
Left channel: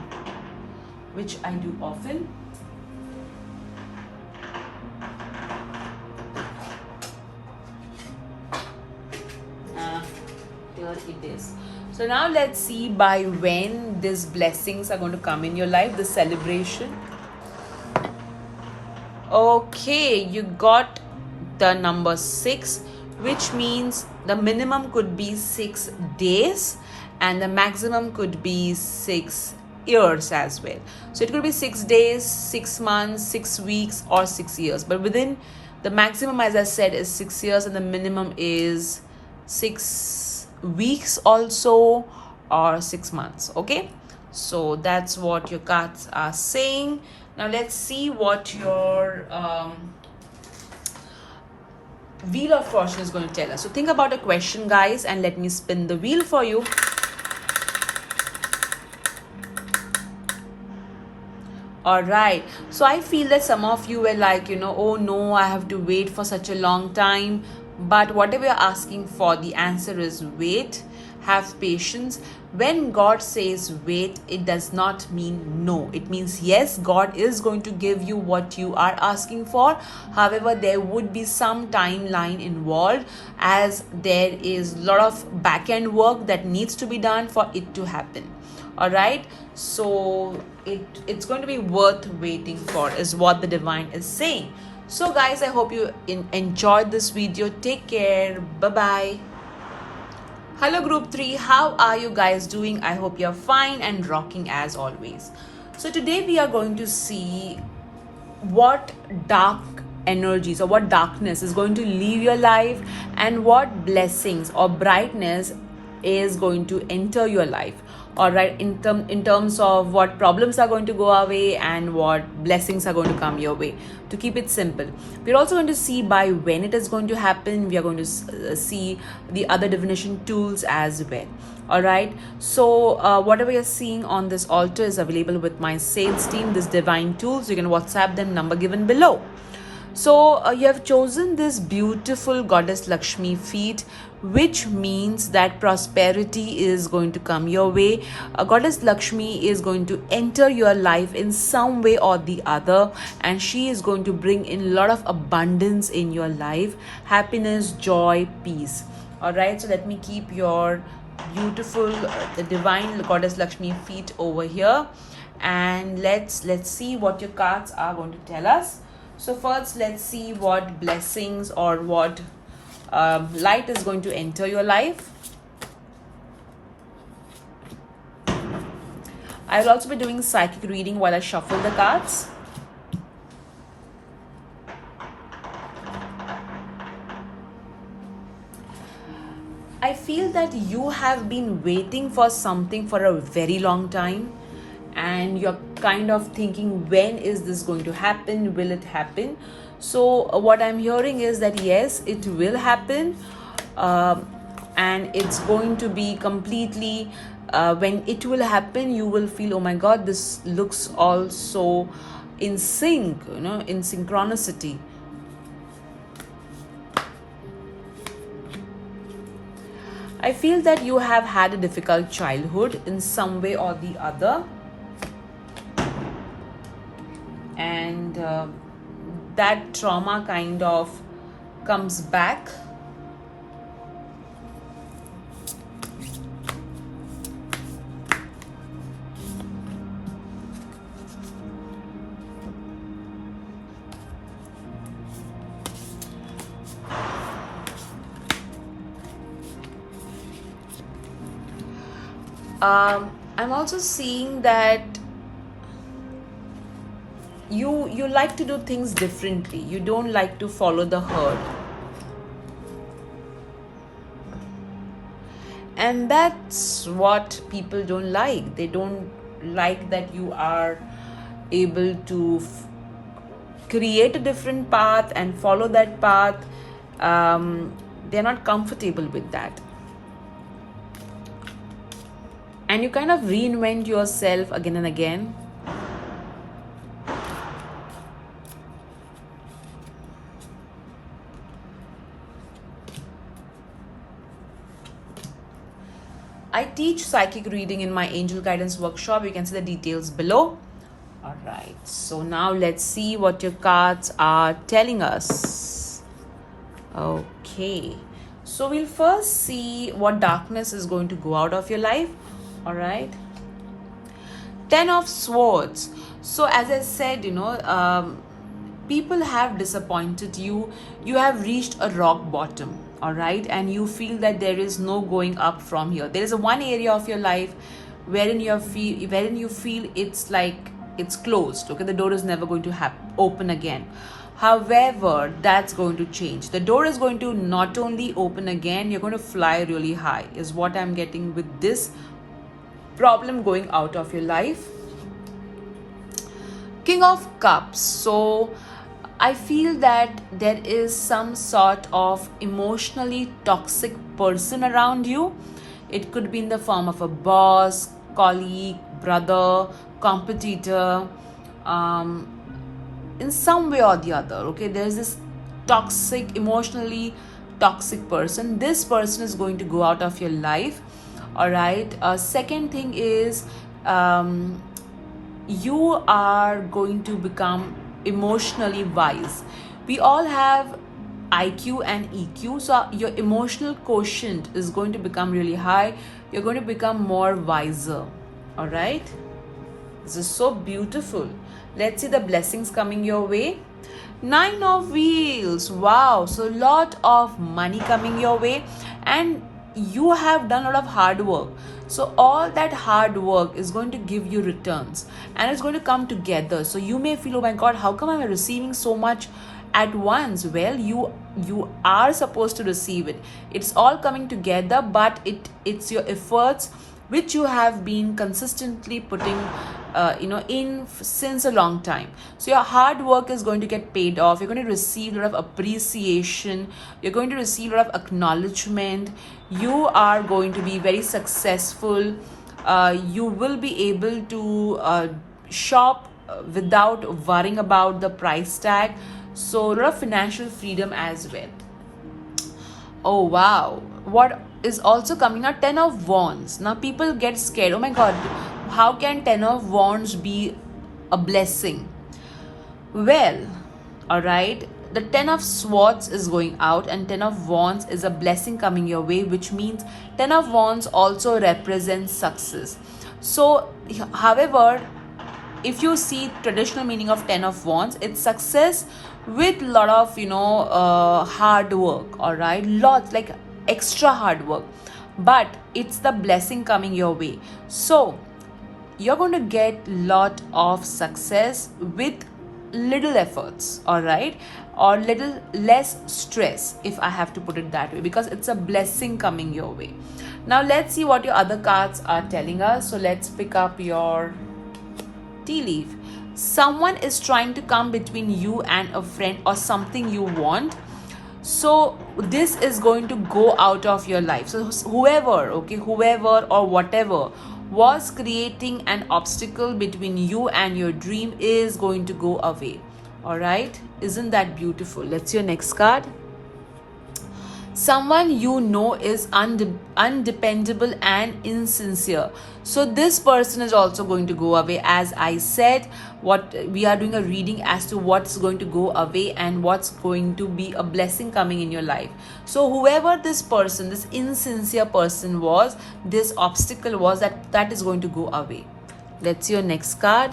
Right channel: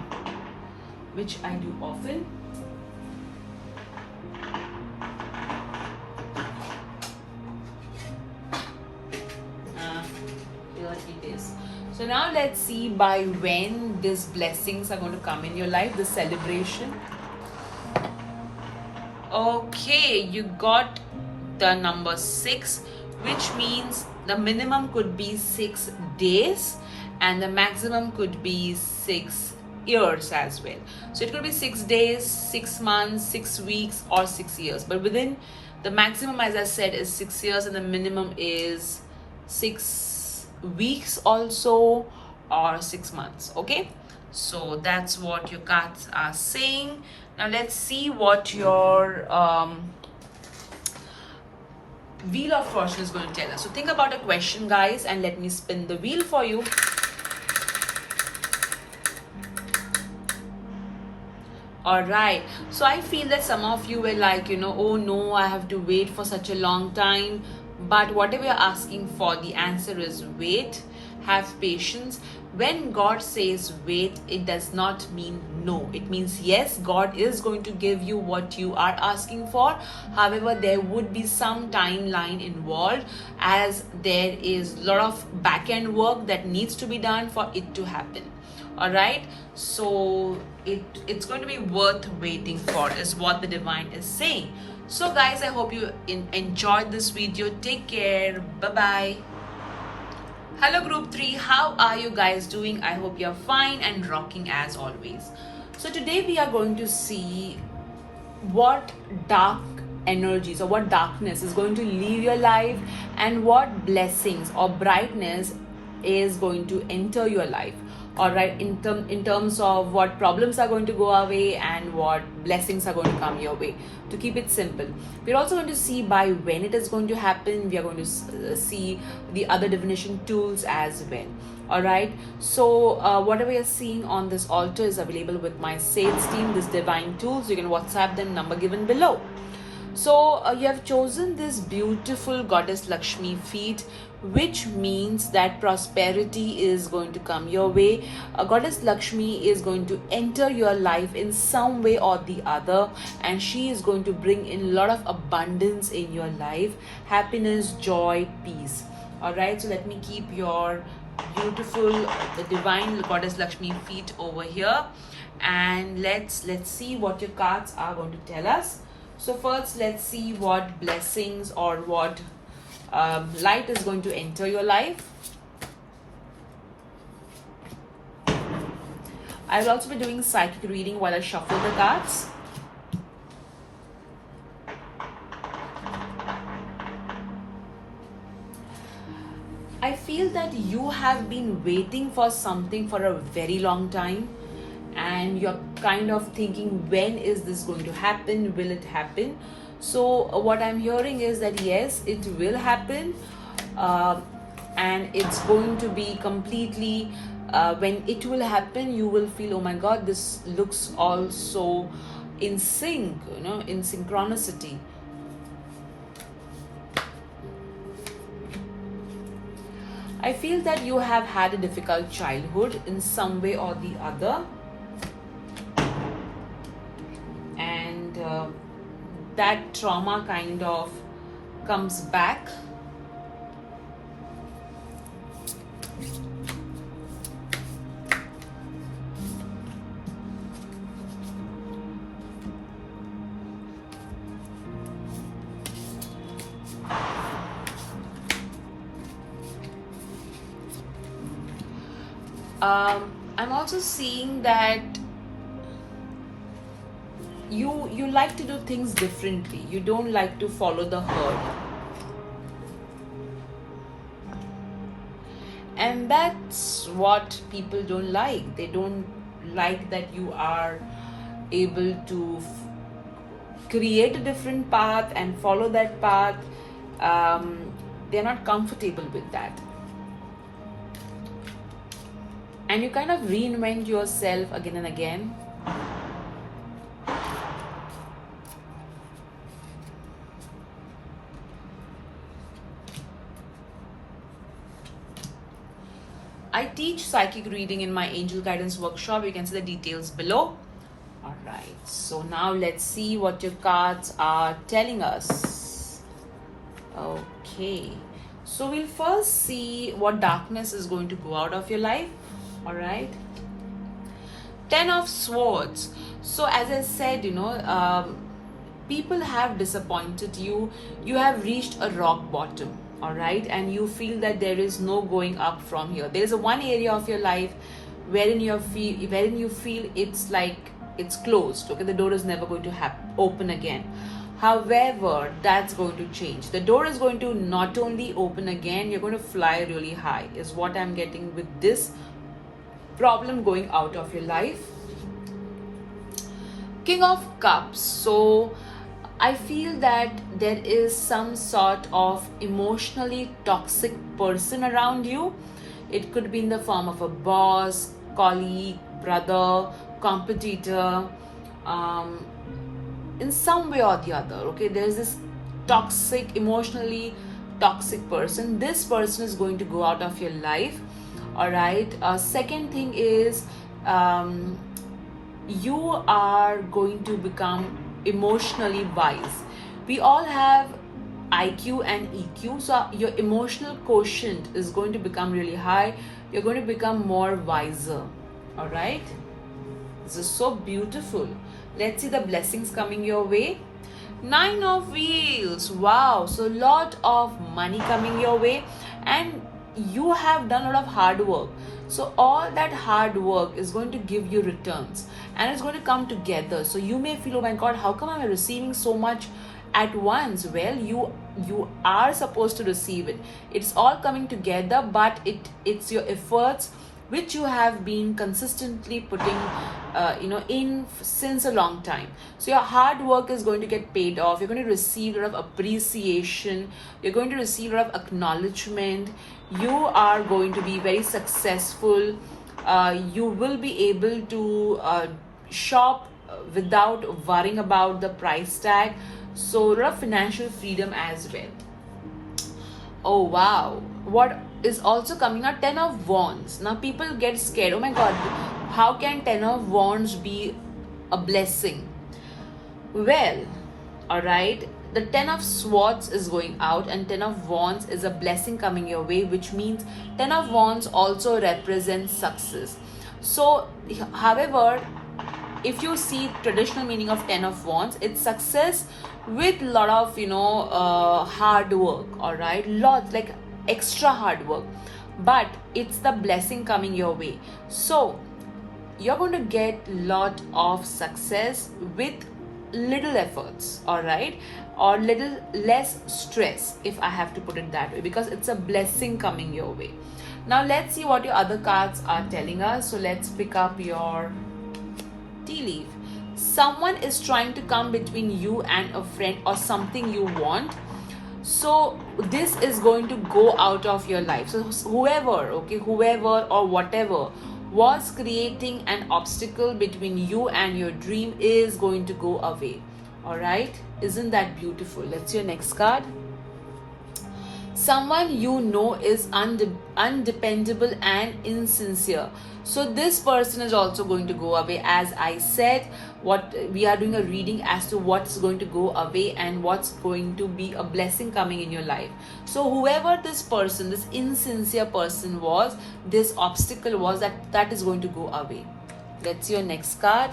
which I do often. Here it is. So now let's see by when these blessings are going to come in your life, the celebration. Okay, you got the number 6, which means the minimum could be 6 days and the maximum could be 6 years as well. So it could be 6 days, 6 months, 6 weeks, or 6 years. But within the maximum, as I said, is 6 years and the minimum is 6 weeks also, or 6 months. Okay, so that's what your cards are saying. Now let's see what your Wheel of Fortune is going to tell us. So think about a question, guys, and let me spin the wheel for you. All right, so I feel that some of you were like, oh no, I have to wait for such a long time. But whatever you're asking for, the answer is wait, have patience. When God says wait, it does not mean no. It means yes, God is going to give you what you are asking for. However, there would be some timeline involved, as there is a lot of back-end work that needs to be done for it to happen. All right, so it's going to be worth waiting for, is what the divine is saying. So guys, I hope you enjoyed this video. Take care. Bye-bye. Hello group 3, how are you guys doing? I hope you're fine and rocking as always. So today we are going to see what dark energies or what darkness is going to leave your life and what blessings or brightness is going to enter your life. All right, in terms of what problems are going to go away and what blessings are going to come your way. To keep it simple, we're also going to see by when it is going to happen. We are going to see the other divination tools as well. All right, so whatever you're seeing on this altar is available with my sales team, this divine tools. You can WhatsApp them, number given below. So you have chosen this beautiful goddess Lakshmi feet, which means that prosperity is going to come your way. Goddess Lakshmi is going to enter your life in some way or the other, and she is going to bring in a lot of abundance in your life, happiness, joy, peace. All right, so let me keep your beautiful the divine goddess Lakshmi feet over here, and let's see what your cards are going to tell us. So first, let's see what blessings or what light is going to enter your life. I'll also be doing psychic reading while I shuffle the cards. I feel that you have been waiting for something for a very long time, and you're kind of thinking, when is this going to happen? Will it happen? So what I'm hearing is that yes, it will happen, and it's going to be completely when it will happen, you will feel, oh my god, this looks all so in sync, in synchronicity. I feel that you have had a difficult childhood in some way or the other, and that trauma kind of comes back. I'm also seeing that you like to do things differently. You don't like to follow the herd. And that's what people don't like. They don't like that you are able to create a different path and follow that path. They're not comfortable with that. And you kind of reinvent yourself again and again. I teach psychic reading in my angel guidance workshop. You can see the details below. All right, so now let's see what your cards are telling us. Okay, so we'll first see what darkness is going to go out of your life. All right, 10 of Swords. So as I said, people have disappointed you. You have reached a rock bottom, all right, and you feel that there is no going up from here. There is a one area of your life wherein you feel it's like it's closed. Okay, the door is never going to open again. However, that's going to change. The door is going to not only open again, you're going to fly really high, is what I'm getting with this problem going out of your life. King of Cups. So I feel that there is some sort of emotionally toxic person around you. It could be in the form of a boss, colleague, brother, competitor, in some way or the other. Okay, there's this toxic, emotionally toxic person. This person is going to go out of your life. All right. Second thing is, you are going to become emotionally wise. We all have IQ and EQ, so your emotional quotient is going to become really high. You're going to become more wiser. All right, this is so beautiful. Let's see the blessings coming your way. 9 of Wheels. Wow, so a lot of money coming your way, and you have done a lot of hard work. So all that hard work is going to give you returns, and it's going to come together. So you may feel, oh my god, how come I'm receiving so much at once? Well, you are supposed to receive it. It's all coming together, but it's your efforts which you have been consistently putting in since a long time. So your hard work is going to get paid off. You're going to receive a lot of appreciation. You're going to receive a lot of acknowledgement. You are going to be very successful. You will be able to shop without worrying about the price tag. So a lot of financial freedom as well. Oh wow, what is also coming out? 10 of Wands. Now people get scared. Oh my god, how can 10 of Wands be a blessing? Well, all right, the 10 of Swords is going out, and 10 of Wands is a blessing coming your way, which means 10 of Wands also represents success. So however, if you see traditional meaning of 10 of Wands, it's success with a lot of hard work. All right, lots, like extra hard work, but it's the blessing coming your way. So you're going to get lot of success with little efforts, all right, or little less stress, if I have to put it that way, because it's a blessing coming your way. Now let's see what your other cards are telling us. So let's pick up your tea leaf. Someone is trying to come between you and a friend or something you want. So this is going to go out of your life. So whoever or whatever was creating an obstacle between you and your dream is going to go away. All right, isn't that beautiful? Let's see your next card. Someone you know is undependable and insincere. So this person is also going to go away. As I said, what we are doing a reading as to what's going to go away and what's going to be a blessing coming in your life. So whoever this person, this insincere person was, this obstacle was, that is going to go away. Let's see your next card.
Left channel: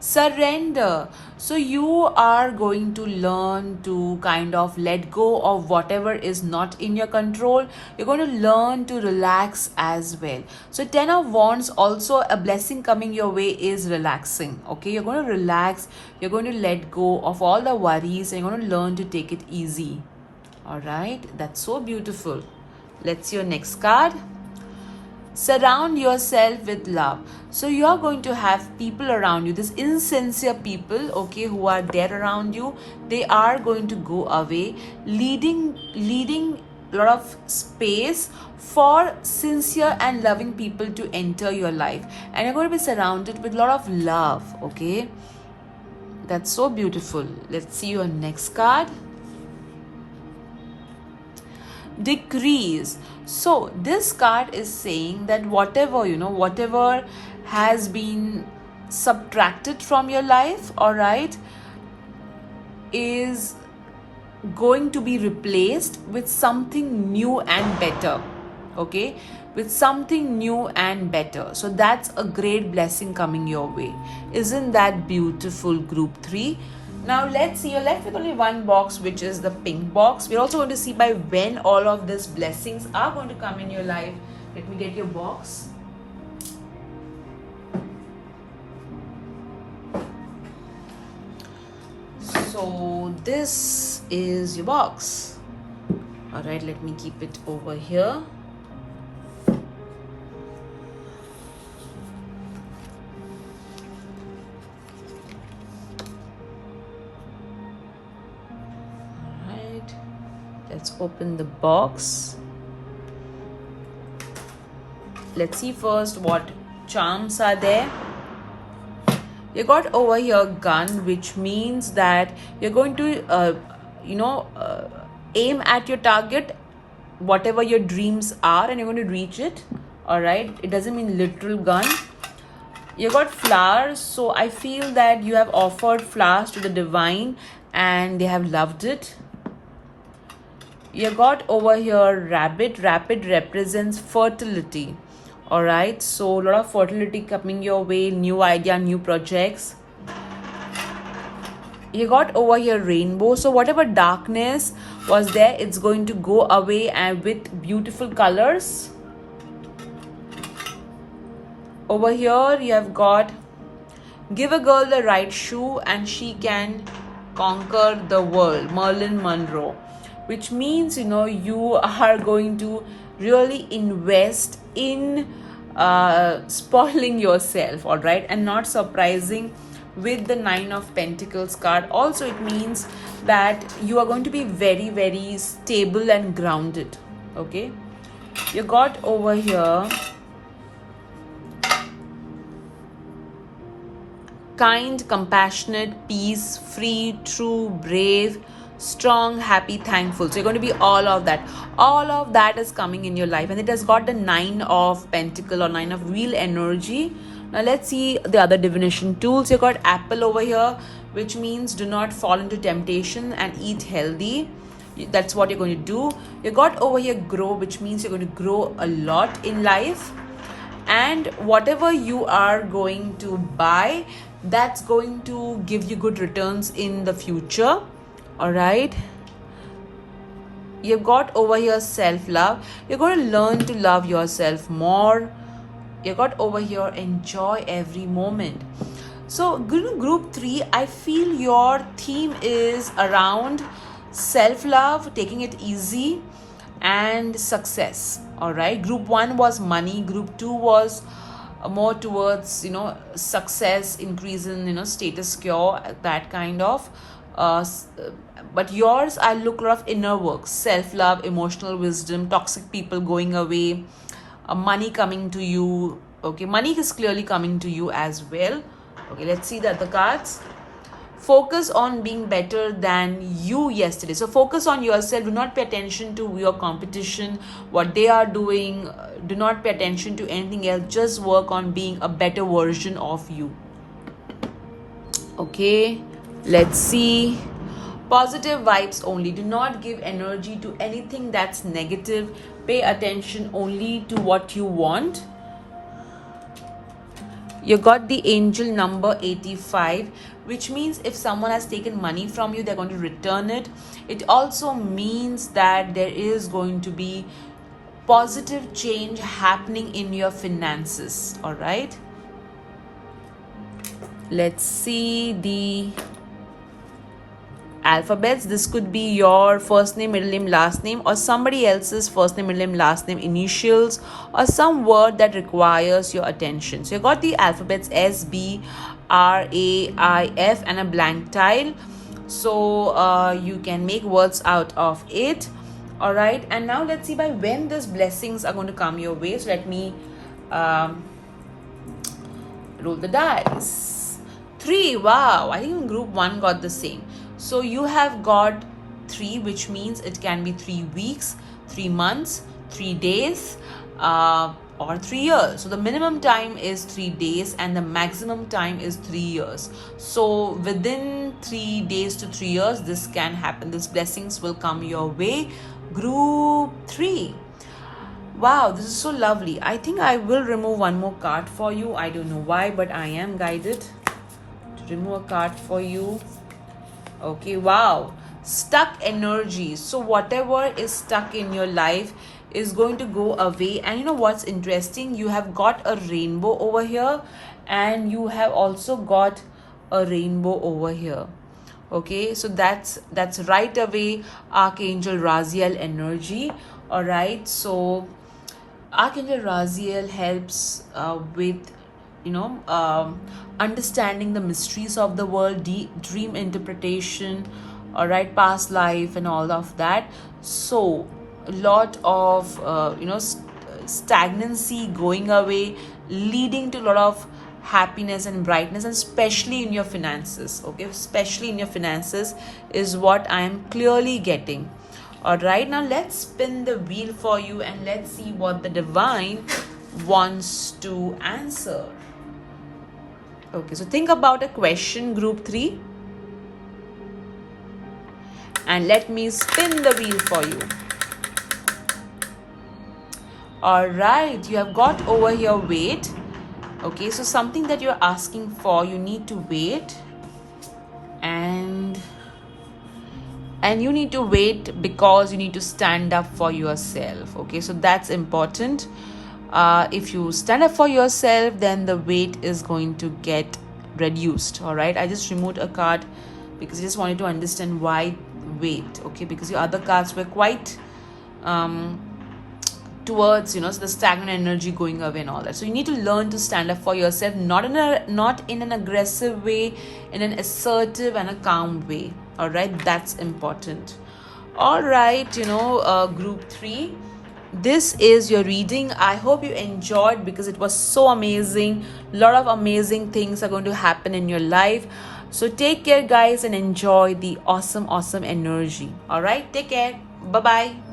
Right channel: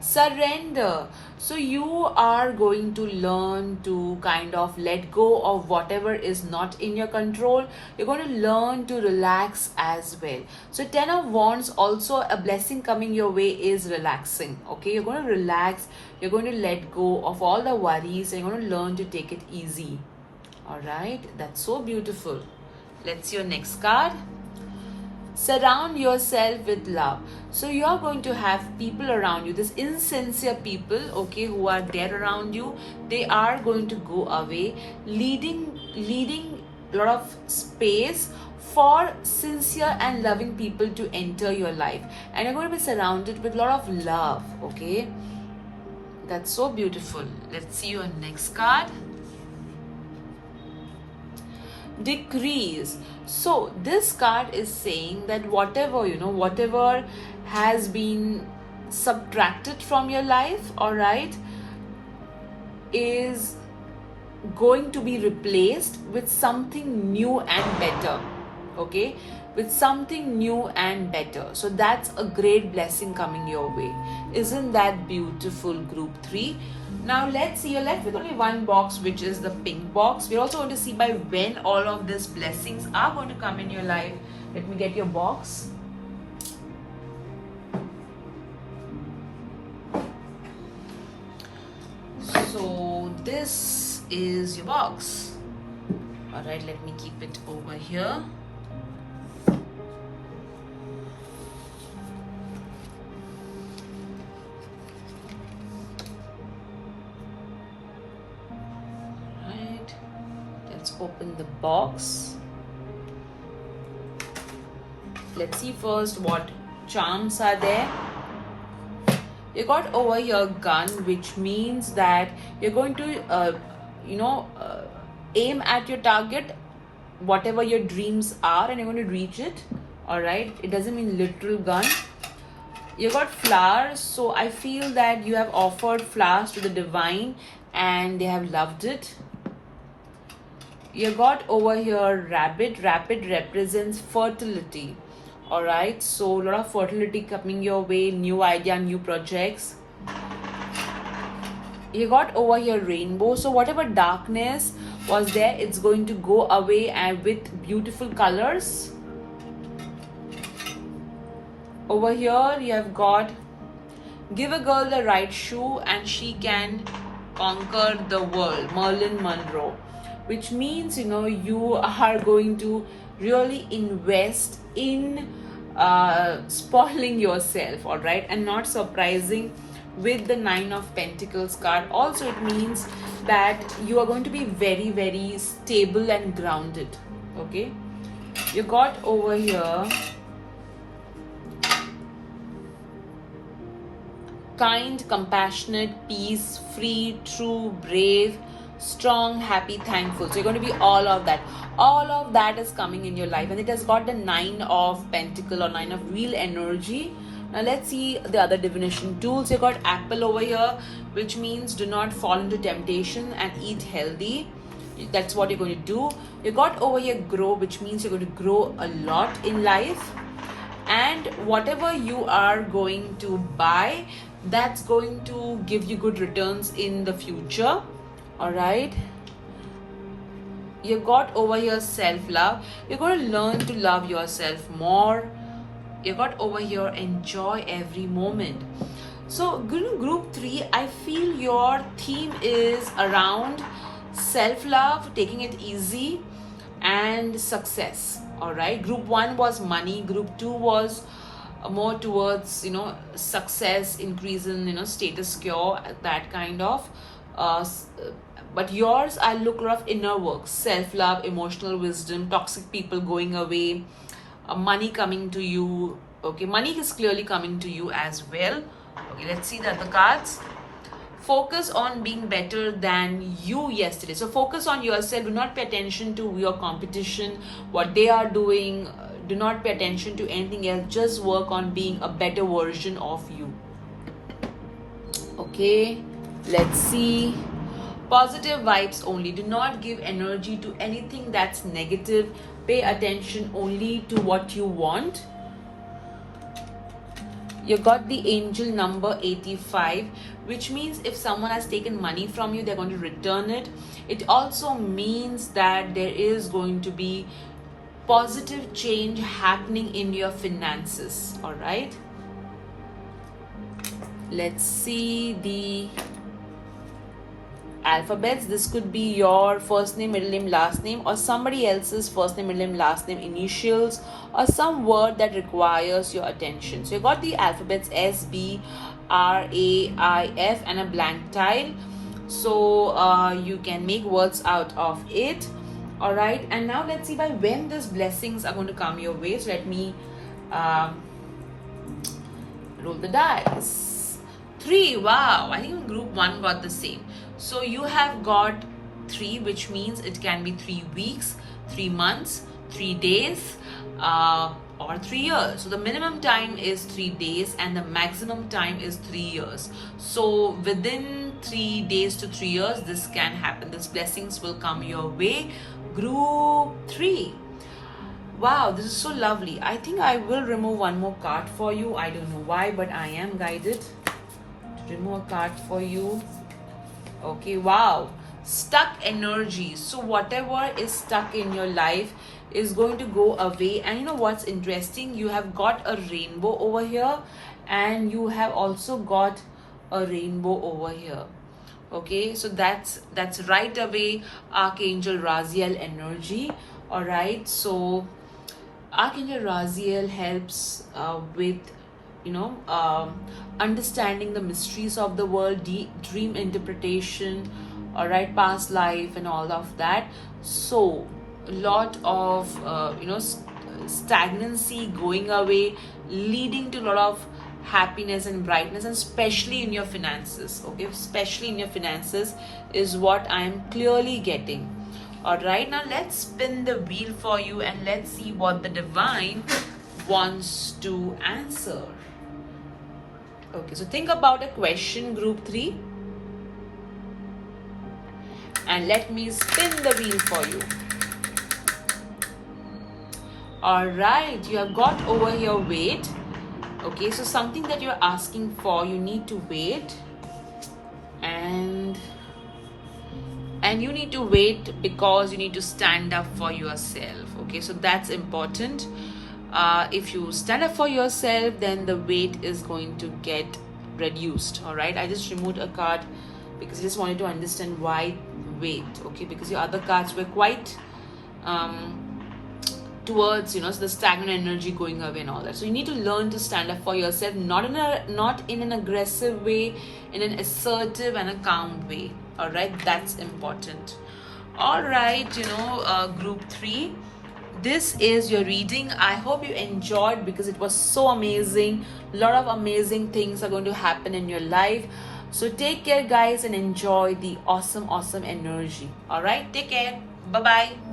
Surrender. So you are going to learn to kind of let go of whatever is not in your control. You're going to learn to relax as well. So 10 of Wands, also a blessing coming your way is relaxing. Okay, you're going to relax. You're going to let go of all the worries, and you're going to learn to take it easy. All right, that's so beautiful. Let's see your next card. Surround yourself with love. So you are going to have people around you, this insincere people, okay, who are there around you. They are going to go away, leading a lot of space for sincere and loving people to enter your life, and you're going to be surrounded with a lot of love. Okay, that's so beautiful. Let's see your next card. Decrease. So this card is saying that whatever has been subtracted from your life, all right, is going to be replaced with something new and better. Okay, with something new and better. So that's a great blessing coming your way. Isn't that beautiful, group 3? Now let's see, you're left with only one box, which is the pink box. We're also going to see by when all of these blessings are going to come in your life. Let me get your box. So this is your box. All right, let me keep it over here. Let's open the box. Let's see first what charms are there. You got over here gun, which means that you're going to aim at your target, whatever your dreams are, and you're going to reach it. All right, it doesn't mean literal gun. You got flowers, so I feel that you have offered flowers to the divine and they have loved it. You got over here rabbit. Rabbit represents fertility. All right, so a lot of fertility coming your way, new idea, new projects. You got over here rainbow. So whatever darkness was there, it's going to go away and with beautiful colors. Over here you have got give a girl the right shoe and she can conquer the world, Marilyn Monroe. Which means, you are going to really invest in spoiling yourself, all right, and not surprising with the 9 of Pentacles card. Also, it means that you are going to be very, very stable and grounded, okay. You got over here kind, compassionate, peace, free, true, brave, strong, happy, thankful. So you're going to be all of that. All of that is coming in your life, and it has got the 9 of Pentacle or 9 of Wheel energy. Now let's see the other divination tools. You got apple over here, which means do not fall into temptation and eat healthy. That's what you're going to do. You got over here grow, which means you're going to grow a lot in life, and whatever you are going to buy, that's going to give you good returns in the future. All right, you got over here self-love. You're going to learn to love yourself more. You got over here enjoy every moment. So group 3, I feel your theme is around self-love, taking it easy, and success. All right, group 1 was money, group 2 was more towards success, increase in status quo, that kind of but yours, I look a lot of inner work, self-love, emotional wisdom, toxic people going away, money coming to you. Okay, money is clearly coming to you as well. Okay, let's see the other cards. Focus on being better than you yesterday. So focus on yourself. Do not pay attention to your competition, what they are doing. Do not pay attention to anything else. Just work on being a better version of you. Okay, let's see. Positive vibes only. Do not give energy to anything that's negative. Pay attention only to what you want. You got the angel number 85, which means if someone has taken money from you, they're going to return it. It also means that there is going to be positive change happening in your finances. All right, let's see the alphabets. This could be your first name, middle name, last name, or somebody else's first name, middle name, last name, initials, or some word that requires your attention. So you got the alphabets S, B, R, A, I, F, and a blank tile. So you can make words out of it. All right, and now let's see by when these blessings are going to come your way. So let me roll the dice. 3. Wow, I think group 1 got the same. So you have got 3, which means it can be 3 weeks, 3 months, 3 days, or 3 years. So the minimum time is 3 days and the maximum time is 3 years. So within 3 days to 3 years, this can happen. These blessings will come your way. Group 3. Wow, this is so lovely. I think I will remove one more card for you. I don't know why, but I am guided to remove a card for you. Okay, wow. Stuck energy. So whatever is stuck in your life is going to go away. And you know what's interesting? You have got a rainbow over here and you have also got a rainbow over here. Okay, so that's right away Archangel Raziel energy. All right, so Archangel Raziel helps with understanding the mysteries of the world, dream interpretation, all right, past life and all of that. So a lot of stagnancy going away, leading to a lot of happiness and brightness, especially in your finances. Okay, especially in your finances is what I am clearly getting. All right, now let's spin the wheel for you and let's see what the divine wants to answer. Okay, so think about a question, group 3, and let me spin the wheel for you. All right, you have got over here wait. Okay, so something that you're asking for, you need to wait, and you need to wait because you need to stand up for yourself. Okay, so that's important. If you stand up for yourself, then the weight is going to get reduced. All right, I just removed a card because I just wanted to understand why wait. Okay, because your other cards were quite towards so the stagnant energy going away and all that. So you need to learn to stand up for yourself, not in an aggressive way, in an assertive and a calm way. All right, that's important. All right, group 3, this is your reading. I hope you enjoyed because it was so amazing. A lot of amazing things are going to happen in your life. So take care, guys, and enjoy the awesome energy. All right, take care. Bye bye.